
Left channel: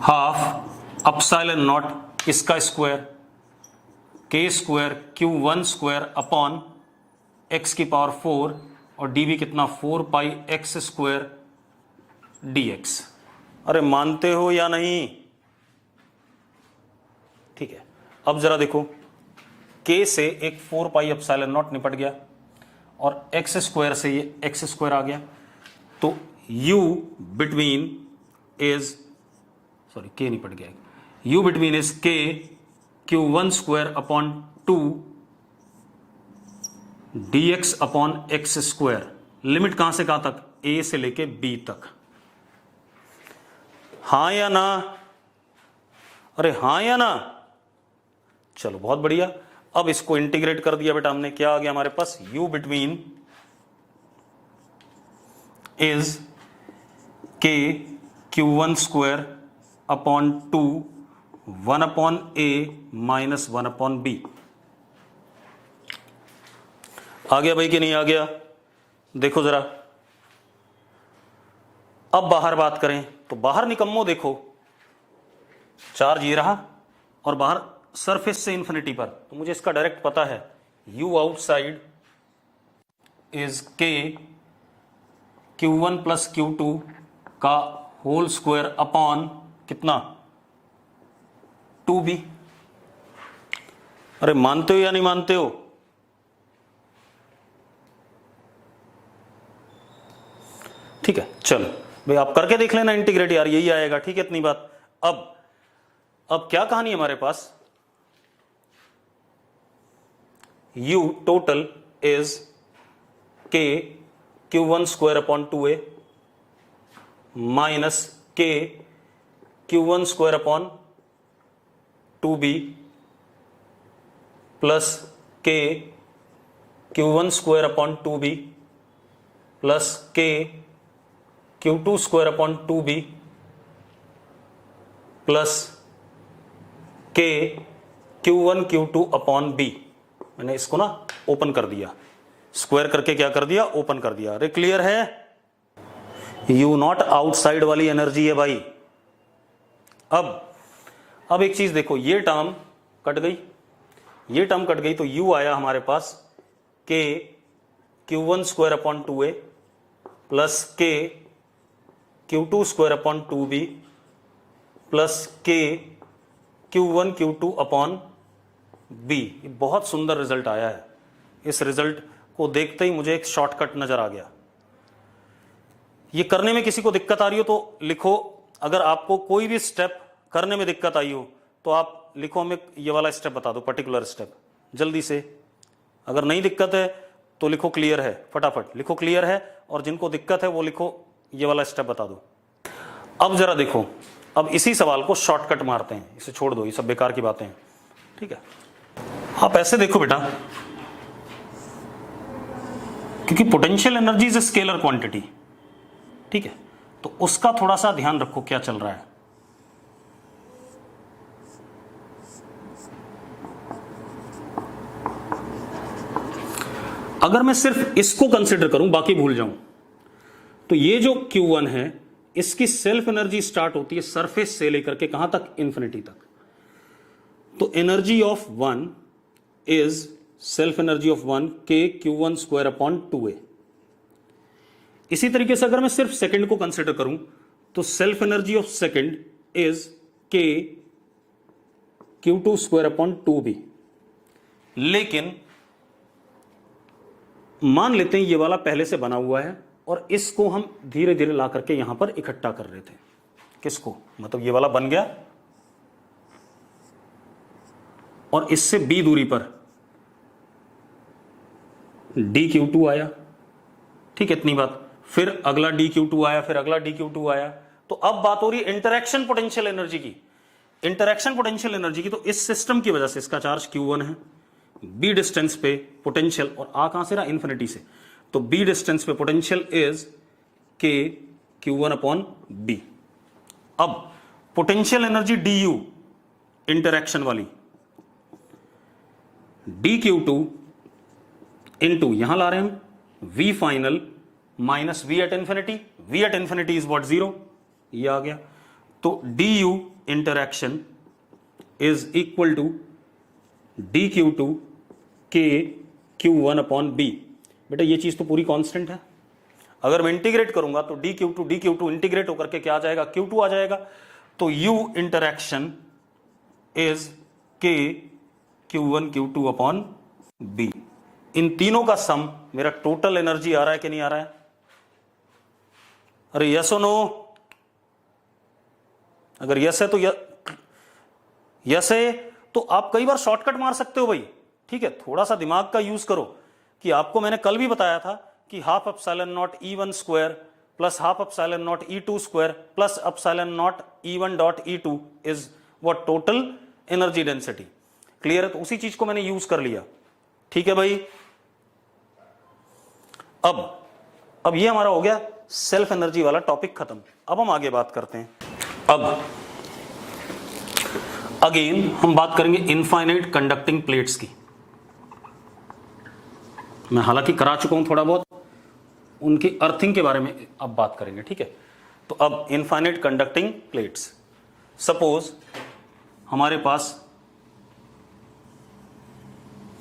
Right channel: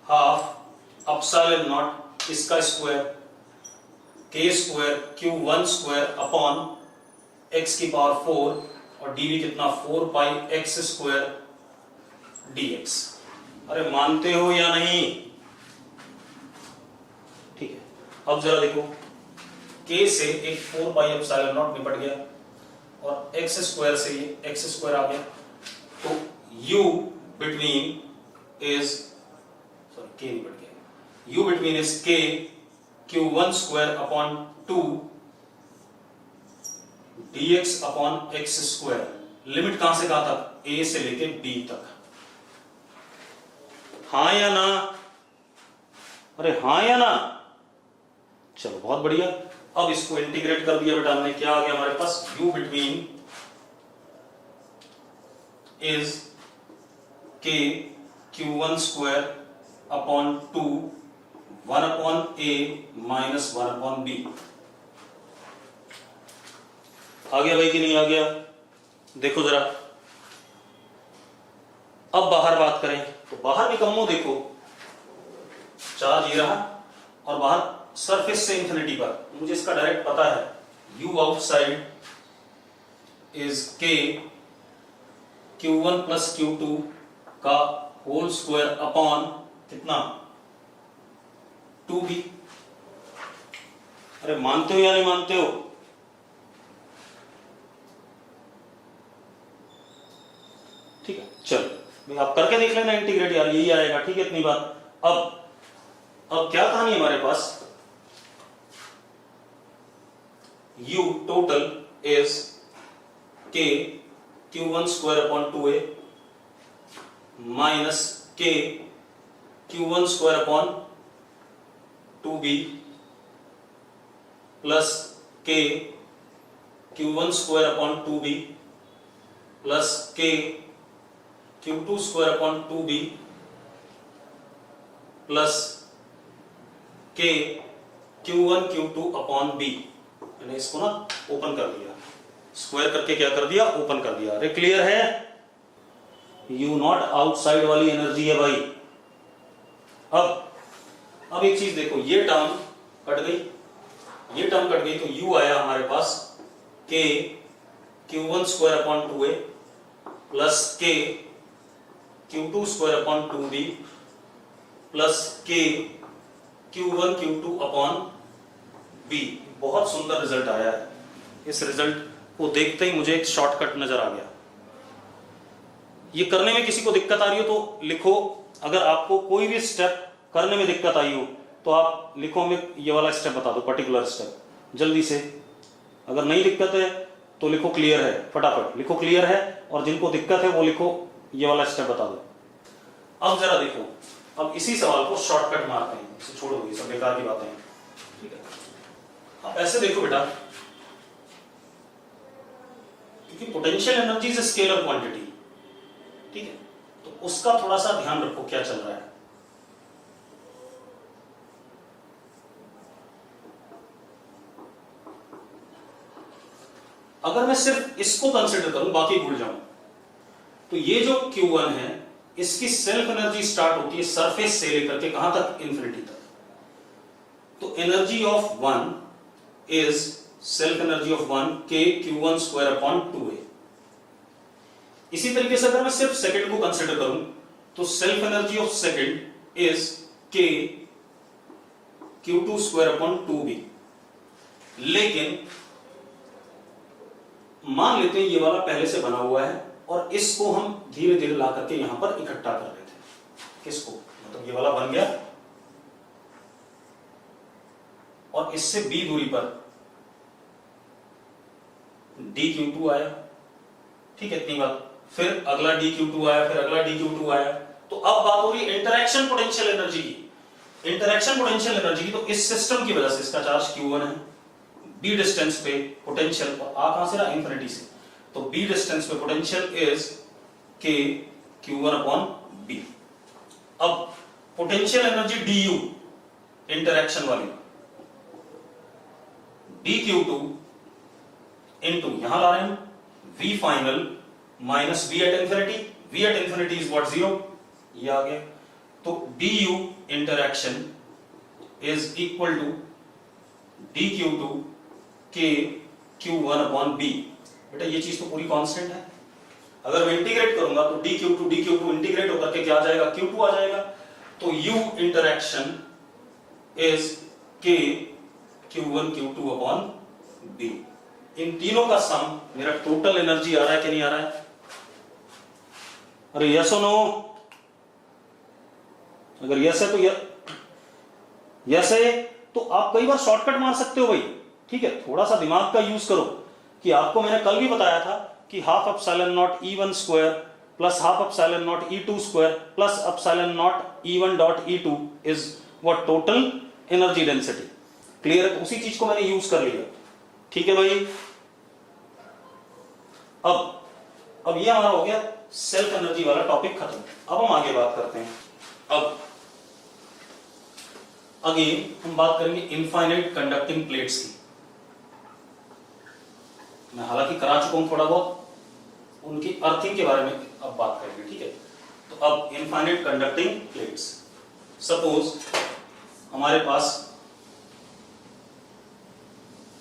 हाफ अपसाइलन नॉट इसका square K square Q1 square upon x की पावर 4 और dv कितना 4 पाई x स्क्वायर dx। अरे मानते हो या नहीं? ठीक है, अब जरा देखो, K से एक 4 पाई एप्सिलॉन नॉट निपट गया और x स्क्वायर से ये x स्क्वायर आ गया, तो U between is, sorry K निपट गया, U between is K Q1 square upon 2 dx upon x square. Limit कहां से कहां तक? A से लेके B तक। हां या ना? अरे हां या ना? चलो बहुत बढ़िया, अब इसको इंटीग्रेट कर दिया बेटा हमने, क्या आ गया हमारे पास? U between is K Q1 square upon 2 1 upon A minus 1 upon B। आ गया भाई कि नहीं आ गया? देखो जरा, अब बाहर बात करें तो बाहर निकम्मो देखो, चार्ज ये रहा और बाहर सरफेस से इंफिनिटी पर, मुझे इसका डायरेक्ट पता है, U outside is K Q1 plus Q2 का होल स्क्वायर अपॉन कितना? 2B। अरे मानते हो या नहीं मानते हो? ठीक है, चलो भाई आप करके देख लेना इंटीग्रेट यार, यही आएगा। ठीक है, इतनी बात। अब क्या कहानी है हमारे पास? U total is K Q1 square upon 2A minus K Q1 square upon 2B plus K Q1 square upon 2B plus के Q2 square upon 2B plus के Q1 Q2 अपॉन B। मैंने इसको ना ओपन कर दिया, square करके क्या कर दिया, ओपन कर दिया। अरे क्लियर है? यू नॉट आउटसाइड वाली एनर्जी है भाई। अब एक चीज देखो, ये टर्म कट गई, ये टर्म कट गई, तो U आया हमारे पास के Q1 square upon 2A plus के Q2 square upon 2B plus के Q1 Q2 अपॉन B। बहुत सुंदर रिजल्ट आया है। इस रिजल्ट को देखते ही मुझे एक शॉर्टकट नजर आ गया। ये करने में किसी को दिक्कत आ रही हो तो लिखो, अगर आपको कोई भी स्टेप करने में दिक्कत आई हो तो आप लिखो, हमें ये वाला स्टेप बता दो, पर्टिकुलर स्टेप, जल्दी से। अगर नहीं दिक्कत है तो लिखो क्लियर है, फटाफट लिखो क्लियर है, और जिनको दिक्कत है वो लिखो ये वाला स्टेप बता दो। अब जरा देखो, अब इसी सवाल को शॉर्टकट मारते हैं, इसे छोड़ दो, ये सब बेकार की बातें हैं, ठीक है। आप ऐसे देखो बेटा, क्योंकि potential energy is a scalar quantity, ठीक है, तो उसका थोड़ा सा ध्यान रखो क्या चल रहा है। अगर मैं सिर्फ इसको कंसिडर करूं, बाकी भूल जाऊं, तो ये जो Q1 है इसकी सेल्फ एनर्जी स्टार्ट होती है सरफेस से लेकर के कहां तक, इंफिनिटी तक। तो energy of 1 is self energy of 1 के Q1 स्क्वायर अपॉन 2A। इसी तरीके से अगर मैं सिर्फ सेकंड को कंसिडर करूं तो self energy of second is के Q2 स्क्वायर अपॉन 2B। लेकिन मान लेते हैं ये वाला पहले से बना हुआ है और इसको हम धीरे धीरे ला करके यहां पर इकट्ठा कर रहे थे। किसको, मतलब ये वाला बन गया और इससे B दूरी पर dQ2 आया, ठीक है, इतनी बात। फिर अगला dQ2 आया, फिर अगला dQ2 आया। तो अब बात हो रही है इंटरैक्शन पोटेंशियल एनर्जी की, इंटरैक्शन पोटेंशियल एनर्जी की। तो इस सिस्टम की वजह से इसका चार्ज Q1 है, B डिस्टेंस पे पोटेंशियल, और आ कहां से रहा, इंफिनिटी से, तो B डिस्टेंस पे potential is K Q1 upon B। अब पोटेंशियल एनर्जी du इंटरैक्शन वाली dQ2 इंटू यहां ला रहे हैं V final minus V at infinity. V at infinity is what, 0, ये आ गया। तो du interaction is equal to dQ2 K Q1 upon B। बेटा ये चीज तो पूरी कांस्टेंट है। अगर मैं इंटीग्रेट करूंगा तो dQ2 इंटीग्रेट होकर के क्या आ जाएगा, Q2 आ जाएगा। तो U interaction is K Q1 Q2 upon B। इन तीनों का सम मेरा टोटल एनर्जी आ रहा है कि नहीं आ रहा है? अरे यस और नो? अगर यस है तो यस है तो आप कई बार शॉर्टकट मार सकते हो भाई, ठीक है। थोड़ा सा दिमाग का यूज करो कि आपको मैंने कल भी बताया था कि half epsilon not E1 square plus half epsilon not E2 square plus epsilon not E1 dot E2 is what, total energy density. Clear है? तो उसी चीज को मैंने यूज कर लिया, ठीक है भाई। अब ये हमारा हो गया सेल्फ एनर्जी वाला टॉपिक खत्म। अब हम आगे बात करते हैं। अब अगेन हम बात करेंगे इनफाइनाइट कंडक्टिंग प्लेट्स की। मैं हालांकि करा चुका हूं थोड़ा बहुत, उनकी अर्थिंग के बारे में अब बात करेंगे, ठीक है। तो अब इनफाइनाइट कंडक्टिंग प्लेट्स, सपोज हमारे पास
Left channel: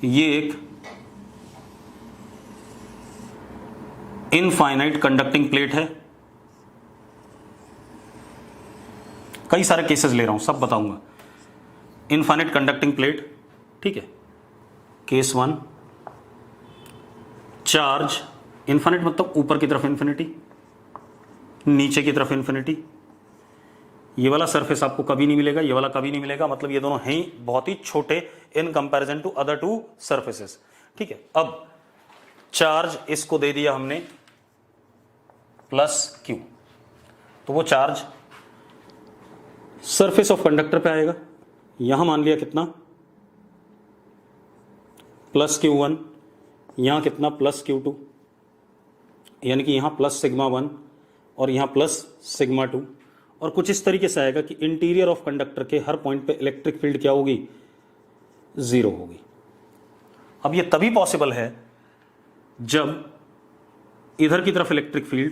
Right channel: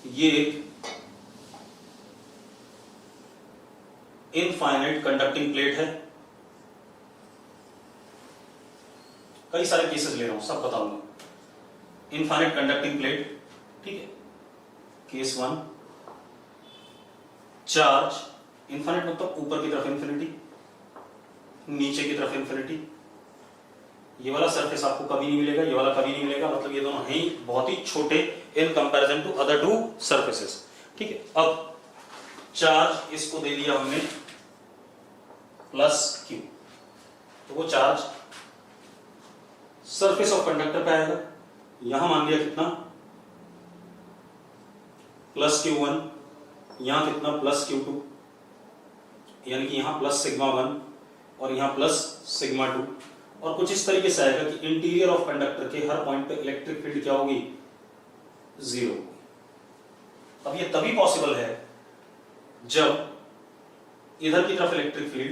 ये एक इनफाइनाइट कंडक्टिंग प्लेट है। कई सारे केसेस ले रहा हूं, सब बताऊंगा। इनफाइनाइट कंडक्टिंग प्लेट, ठीक है। केस 1, चार्ज इनफाइनाइट मतलब ऊपर की तरफ इन्फिनिटी, नीचे की तरफ इन्फिनिटी। ये वाला सरफेस आपको कभी नहीं मिलेगा, ये वाला कभी नहीं मिलेगा, मतलब ये दोनों हैं ही बहुत ही छोटे in comparison to other two surfaces, ठीक है। अब चार्ज इसको दे दिया हमने प्लस Q, तो वो चार्ज सरफेस ऑफ कंडक्टर पे आएगा। यहां मान लिया कितना, प्लस Q1, यहां कितना, प्लस Q2। यानी कि यहाँ प्लस सिग्मा 1 और यहाँ प्लस सिग्मा 2, और कुछ इस तरीके से आएगा कि इंटीरियर ऑफ कंडक्टर के हर पॉइंट पे इलेक्ट्रिक फील्ड क्या होगी, 0 होगी। अब ये तभी पॉसिबल है जब इधर की तरफ electric field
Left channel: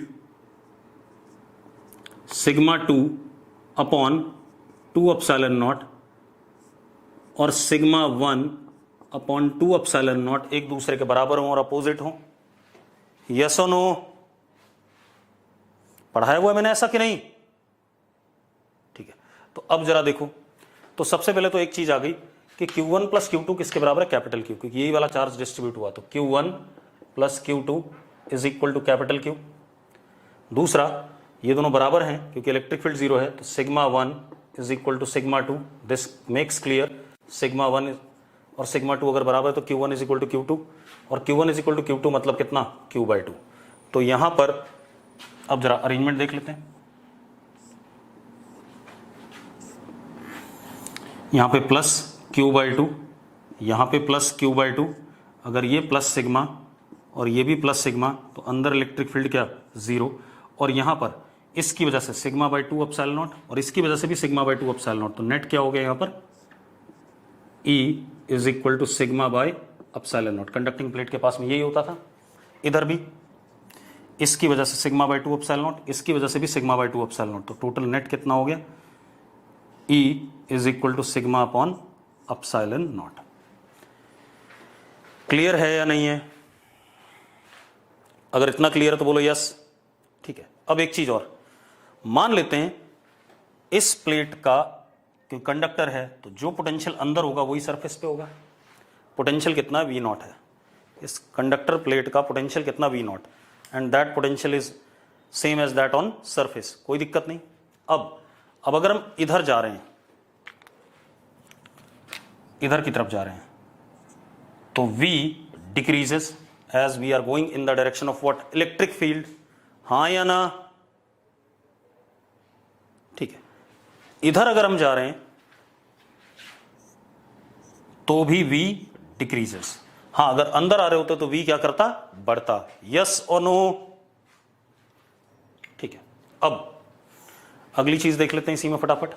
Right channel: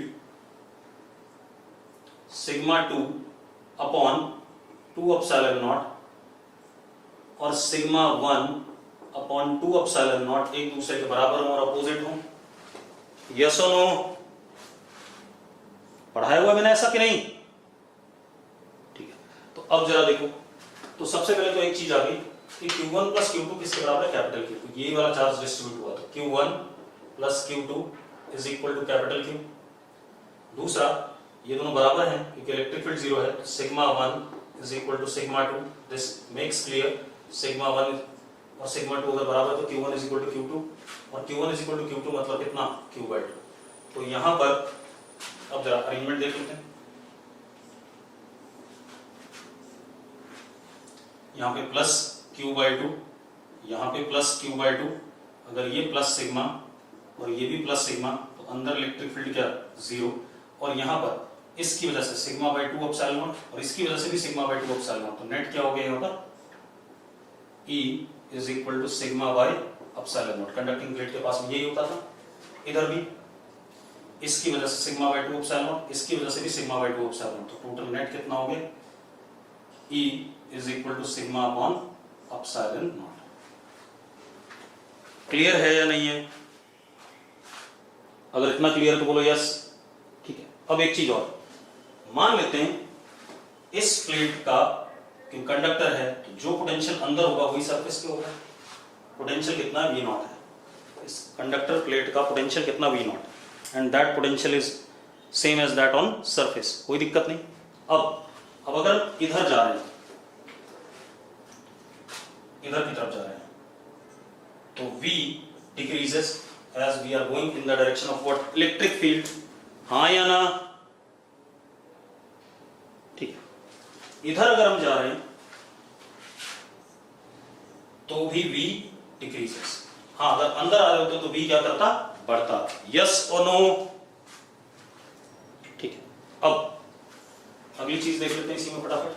sigma 2 upon 2 epsilon not और सिग्मा 1 अपॉन 2 एप्सिलॉन नॉट एक दूसरे के बराबर हों और अपोजिट हों। यस और नो? पढ़ाया हुआ है मैंने ऐसा कि नहीं? ठीक है, तो अब जरा देखो, तो सबसे पहले तो एक चीज आ गई कि Q1 प्लस Q2 किसके बराबर है, कैपिटल Q, क्योंकि यही वाला चार्ज डिस्ट्रीब्यूट हुआ था। Q1 plus Q2 is equal to capital Q। दूसरा, ये दोनों बराबर हैं क्योंकि इलेक्ट्रिक फील्ड 0 है, तो sigma 1 is equal to sigma 2। This makes clear, sigma 1 और सिग्मा 2 अगर बराबर है तो Q1 is equal to Q2, और Q1 is equal to Q2 मतलब कितना, Q/2। तो यहां पर अब जरा अरेंजमेंट देख लेते हैं। यहां पे प्लस Q/2, यहां पे प्लस Q/2। अगर ये प्लस सिग्मा और ये भी प्लस सिग्मा, तो अंदर इलेक्ट्रिक फील्ड क्या, 0। और यहां पर इसकी वजह से सिग्मा बाई 2 एप्सिलॉन नॉट और इसकी वजह से भी सिग्मा बाई 2 एप्सिलॉन नॉट, तो नेट क्या हो गया यहां पर, E is equal to sigma by epsilon naught. Conducting plate के पास में यही होता था, इधर भी इसकी वजह से सिग्मा बाई 2 एप्सिलॉन नॉट, इसकी वजह से भी सिग्मा बाई 2 एप्सिलॉन नॉट, तो टोटल नेट कितना हो गया, E is equal to sigma upon epsilon naught. Clear है या नहीं है? अगर इतना क्लियर है तो बोलो यस। ठीक है, अब एक चीज और मान लेते हैं, इस प्लेट का कि कंडक्टर है तो जो पोटेंशियल अंदर होगा वही सरफेस पे होगा। पोटेंशियल कितना है, V0 है। इस कंडक्टर प्लेट का पोटेंशियल कितना, V0, and that potential is same as that on surface, कोई दिक्कत नहीं। अब अगर हम इधर जा रहे हैं, इधर की तरफ जा रहे हैं, तो V decreases as we are going in the direction of what, electric field. हाँ या ना? ठीक है, इधर अगर हम जा रहे हैं तो भी V डिक्रीजेस। हाँ, अगर अंदर आ रहे होते तो V क्या करता, बढ़ता। यस और नो? ठीक है, अब अगली चीज देख लेते हैं इसी में फटाफट,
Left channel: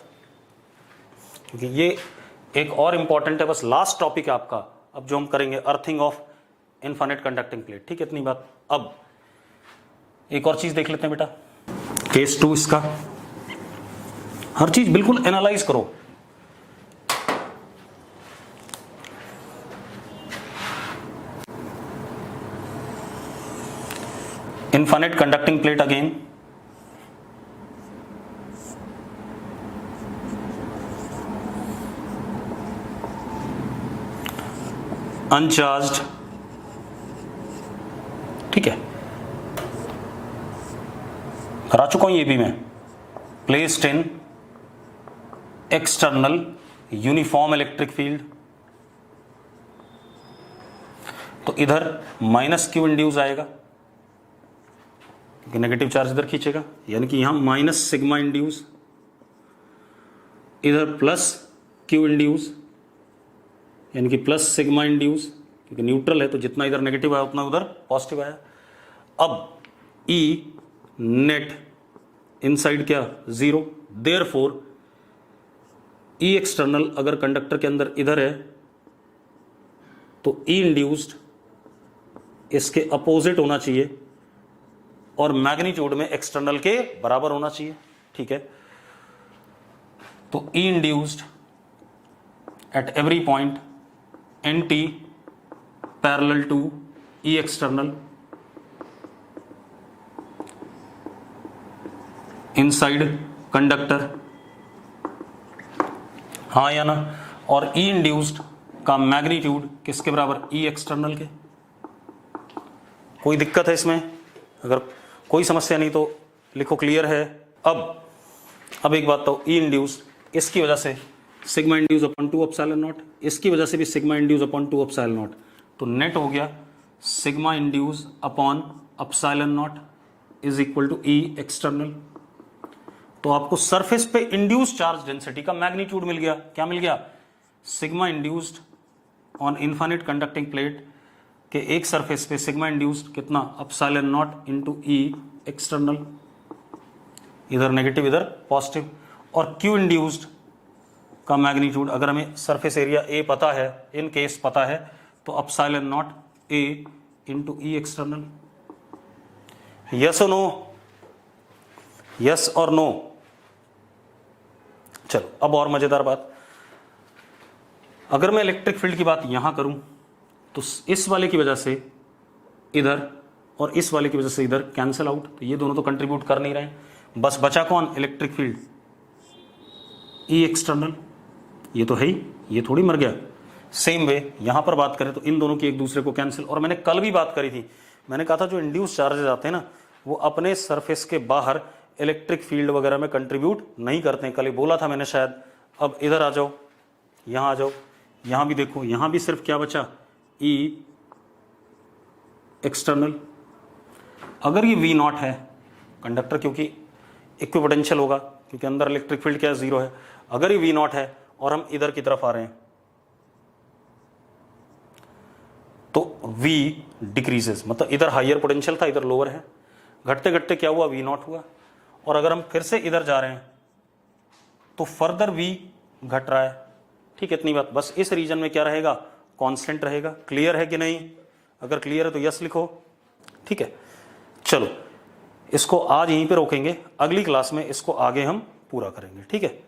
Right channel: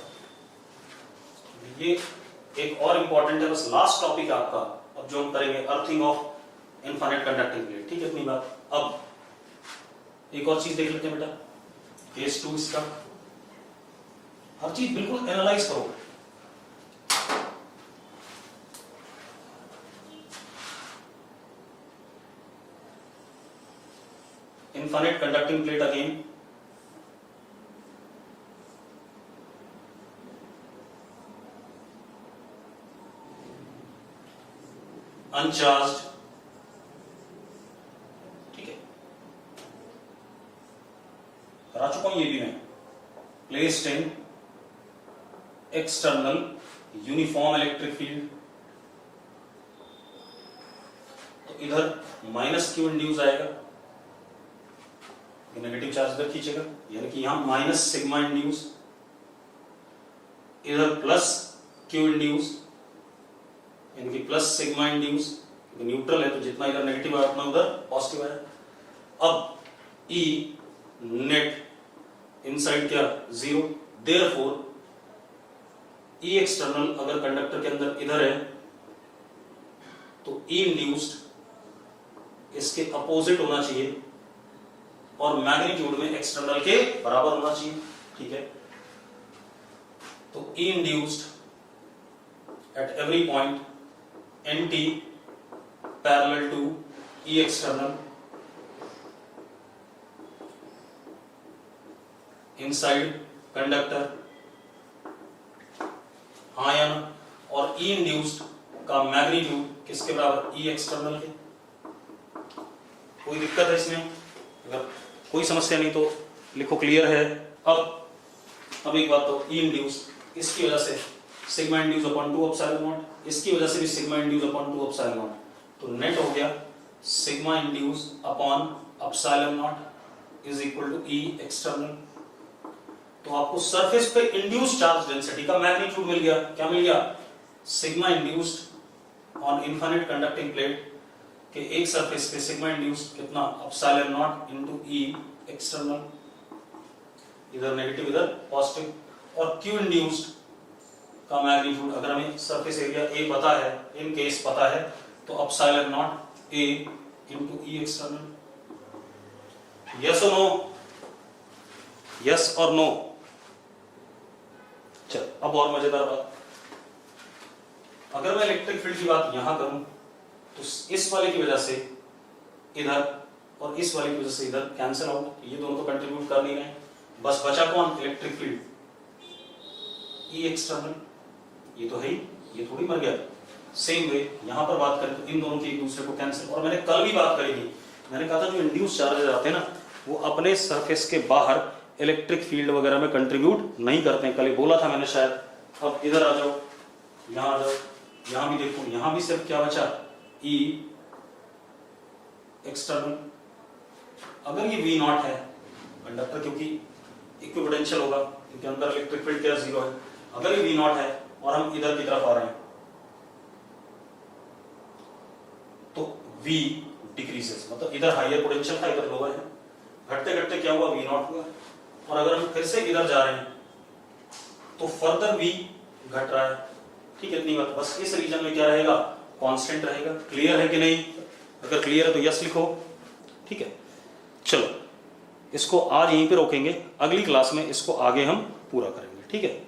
क्योंकि ये एक और इंपॉर्टेंट है, बस लास्ट टॉपिक है आपका अब जो हम करेंगे, earthing of infinite conducting plate. ठीक है, इतनी बात। अब एक और चीज देख लेते हैं बेटा, केस 2 इसका। हर चीज बिल्कुल एनालाइज करो। Infinite conducting plate again, uncharged. ठीक है, करा चुका हूं ये भी मैं। Placed in external uniform electric field, तो इधर माइनस Q इंड्यूस आएगा क्योंकि नेगेटिव चार्ज इधर खींचेगा, यानी कि यहां माइनस सिग्मा इंड्यूस, इधर प्लस Q इंड्यूस यानी कि प्लस सिग्मा इंड्यूस, क्योंकि न्यूट्रल है तो जितना इधर नेगेटिव आया उतना उधर पॉजिटिव आया। अब E नेट इनसाइड क्या, 0। देयरफॉर E एक्सटर्नल अगर कंडक्टर के अंदर इधर है तो E इंड्यूस्ड इसके अपोजिट होना चाहिए और मैग्नीट्यूड में एक्सटर्नल के बराबर होना चाहिए। ठीक है, तो E induced at every point NT parallel to E external inside conductor. हाँ या ना? और E इंड्यूस्ड का मैग्नीट्यूड किसके बराबर, E एक्सटर्नल के। कोई दिक्कत है इसमें? अगर कोई समस्या नहीं तो लिखो क्लियर है। अब एक बात तो, E इंड्यूस्ड इसकी वजह से sigma induce upon 2 epsilon naught, इसकी वजह से भी sigma induce upon 2 epsilon naught, तो नेट हो गया sigma induce upon epsilon naught is equal to E external. तो आपको सरफेस पे इंड्यूस्ड चार्ज डेंसिटी का मैग्नीट्यूड मिल गया। क्या मिल गया? Sigma induced on infinite conducting plate कि एक सरफेस पे सिग्मा इंड्यूस्ड कितना epsilon naught into E external, इधर नेगेटिव इधर पॉजिटिव, और क्यू इंड्यूस्ड का मैग्नीट्यूड अगर हमें सरफेस एरिया ए पता है, इन केस पता है, तो epsilon not a into E external. Yes और नो, यस और नो। चलो अब और मजेदार बात, अगर मैं इलेक्ट्रिक फील्ड की बात यहां करूं तो इस वाले की वजह से इधर और इस वाले की वजह से इधर कैंसिल आउट, तो ये दोनों तो कंट्रीब्यूट कर नहीं रहे हैं, बस बचा कौन, इलेक्ट्रिक फील्ड ई एक्सटर्नल, ये तो है ही, ये थोड़ी मर गया। सेम वे यहां पर बात करें तो इन दोनों की एक दूसरे को कैंसिल, और मैंने कल भी बात करी थी, मैंने कहा था जो इंड्यूस चार्जेस आते हैं ना वो अपने सरफेस के बाहर इलेक्ट्रिक फील्ड वगैरह में कंट्रीब्यूट नहीं करते हैं, कल ही बोला था मैंने शायद। अब इधर आ जाओ, यहां आ जाओ, यहां भी देखो, यहां भी सिर्फ क्या बचा, ई एक्सटर्नल। अगर ये वी नॉट है कंडक्टर, क्योंकि इक्विपोटेंशियल होगा, क्योंकि अंदर इलेक्ट्रिक फील्ड क्या है, जीरो है, अगर ये वी नॉट है और हम इधर की तरफ आ रहे हैं तो V डिक्रीजेस, मतलब इधर हाइयर पोटेंशियल था, इधर लोअर है, घटते घटते क्या हुआ, V नॉट हुआ, और अगर हम फिर से इधर जा रहे हैं तो फर्दर V घट रहा है। ठीक, इतनी बात, बस इस रीजन में क्या रहेगा, कांस्टेंट रहेगा। क्लियर है कि नहीं? अगर क्लियर है तो यस लिखो। ठीक है, चलो इसको आज यहीं पे रोकेंगे, अगली क्लास में इसको आगे हम पूरा करेंगे। ठीक है।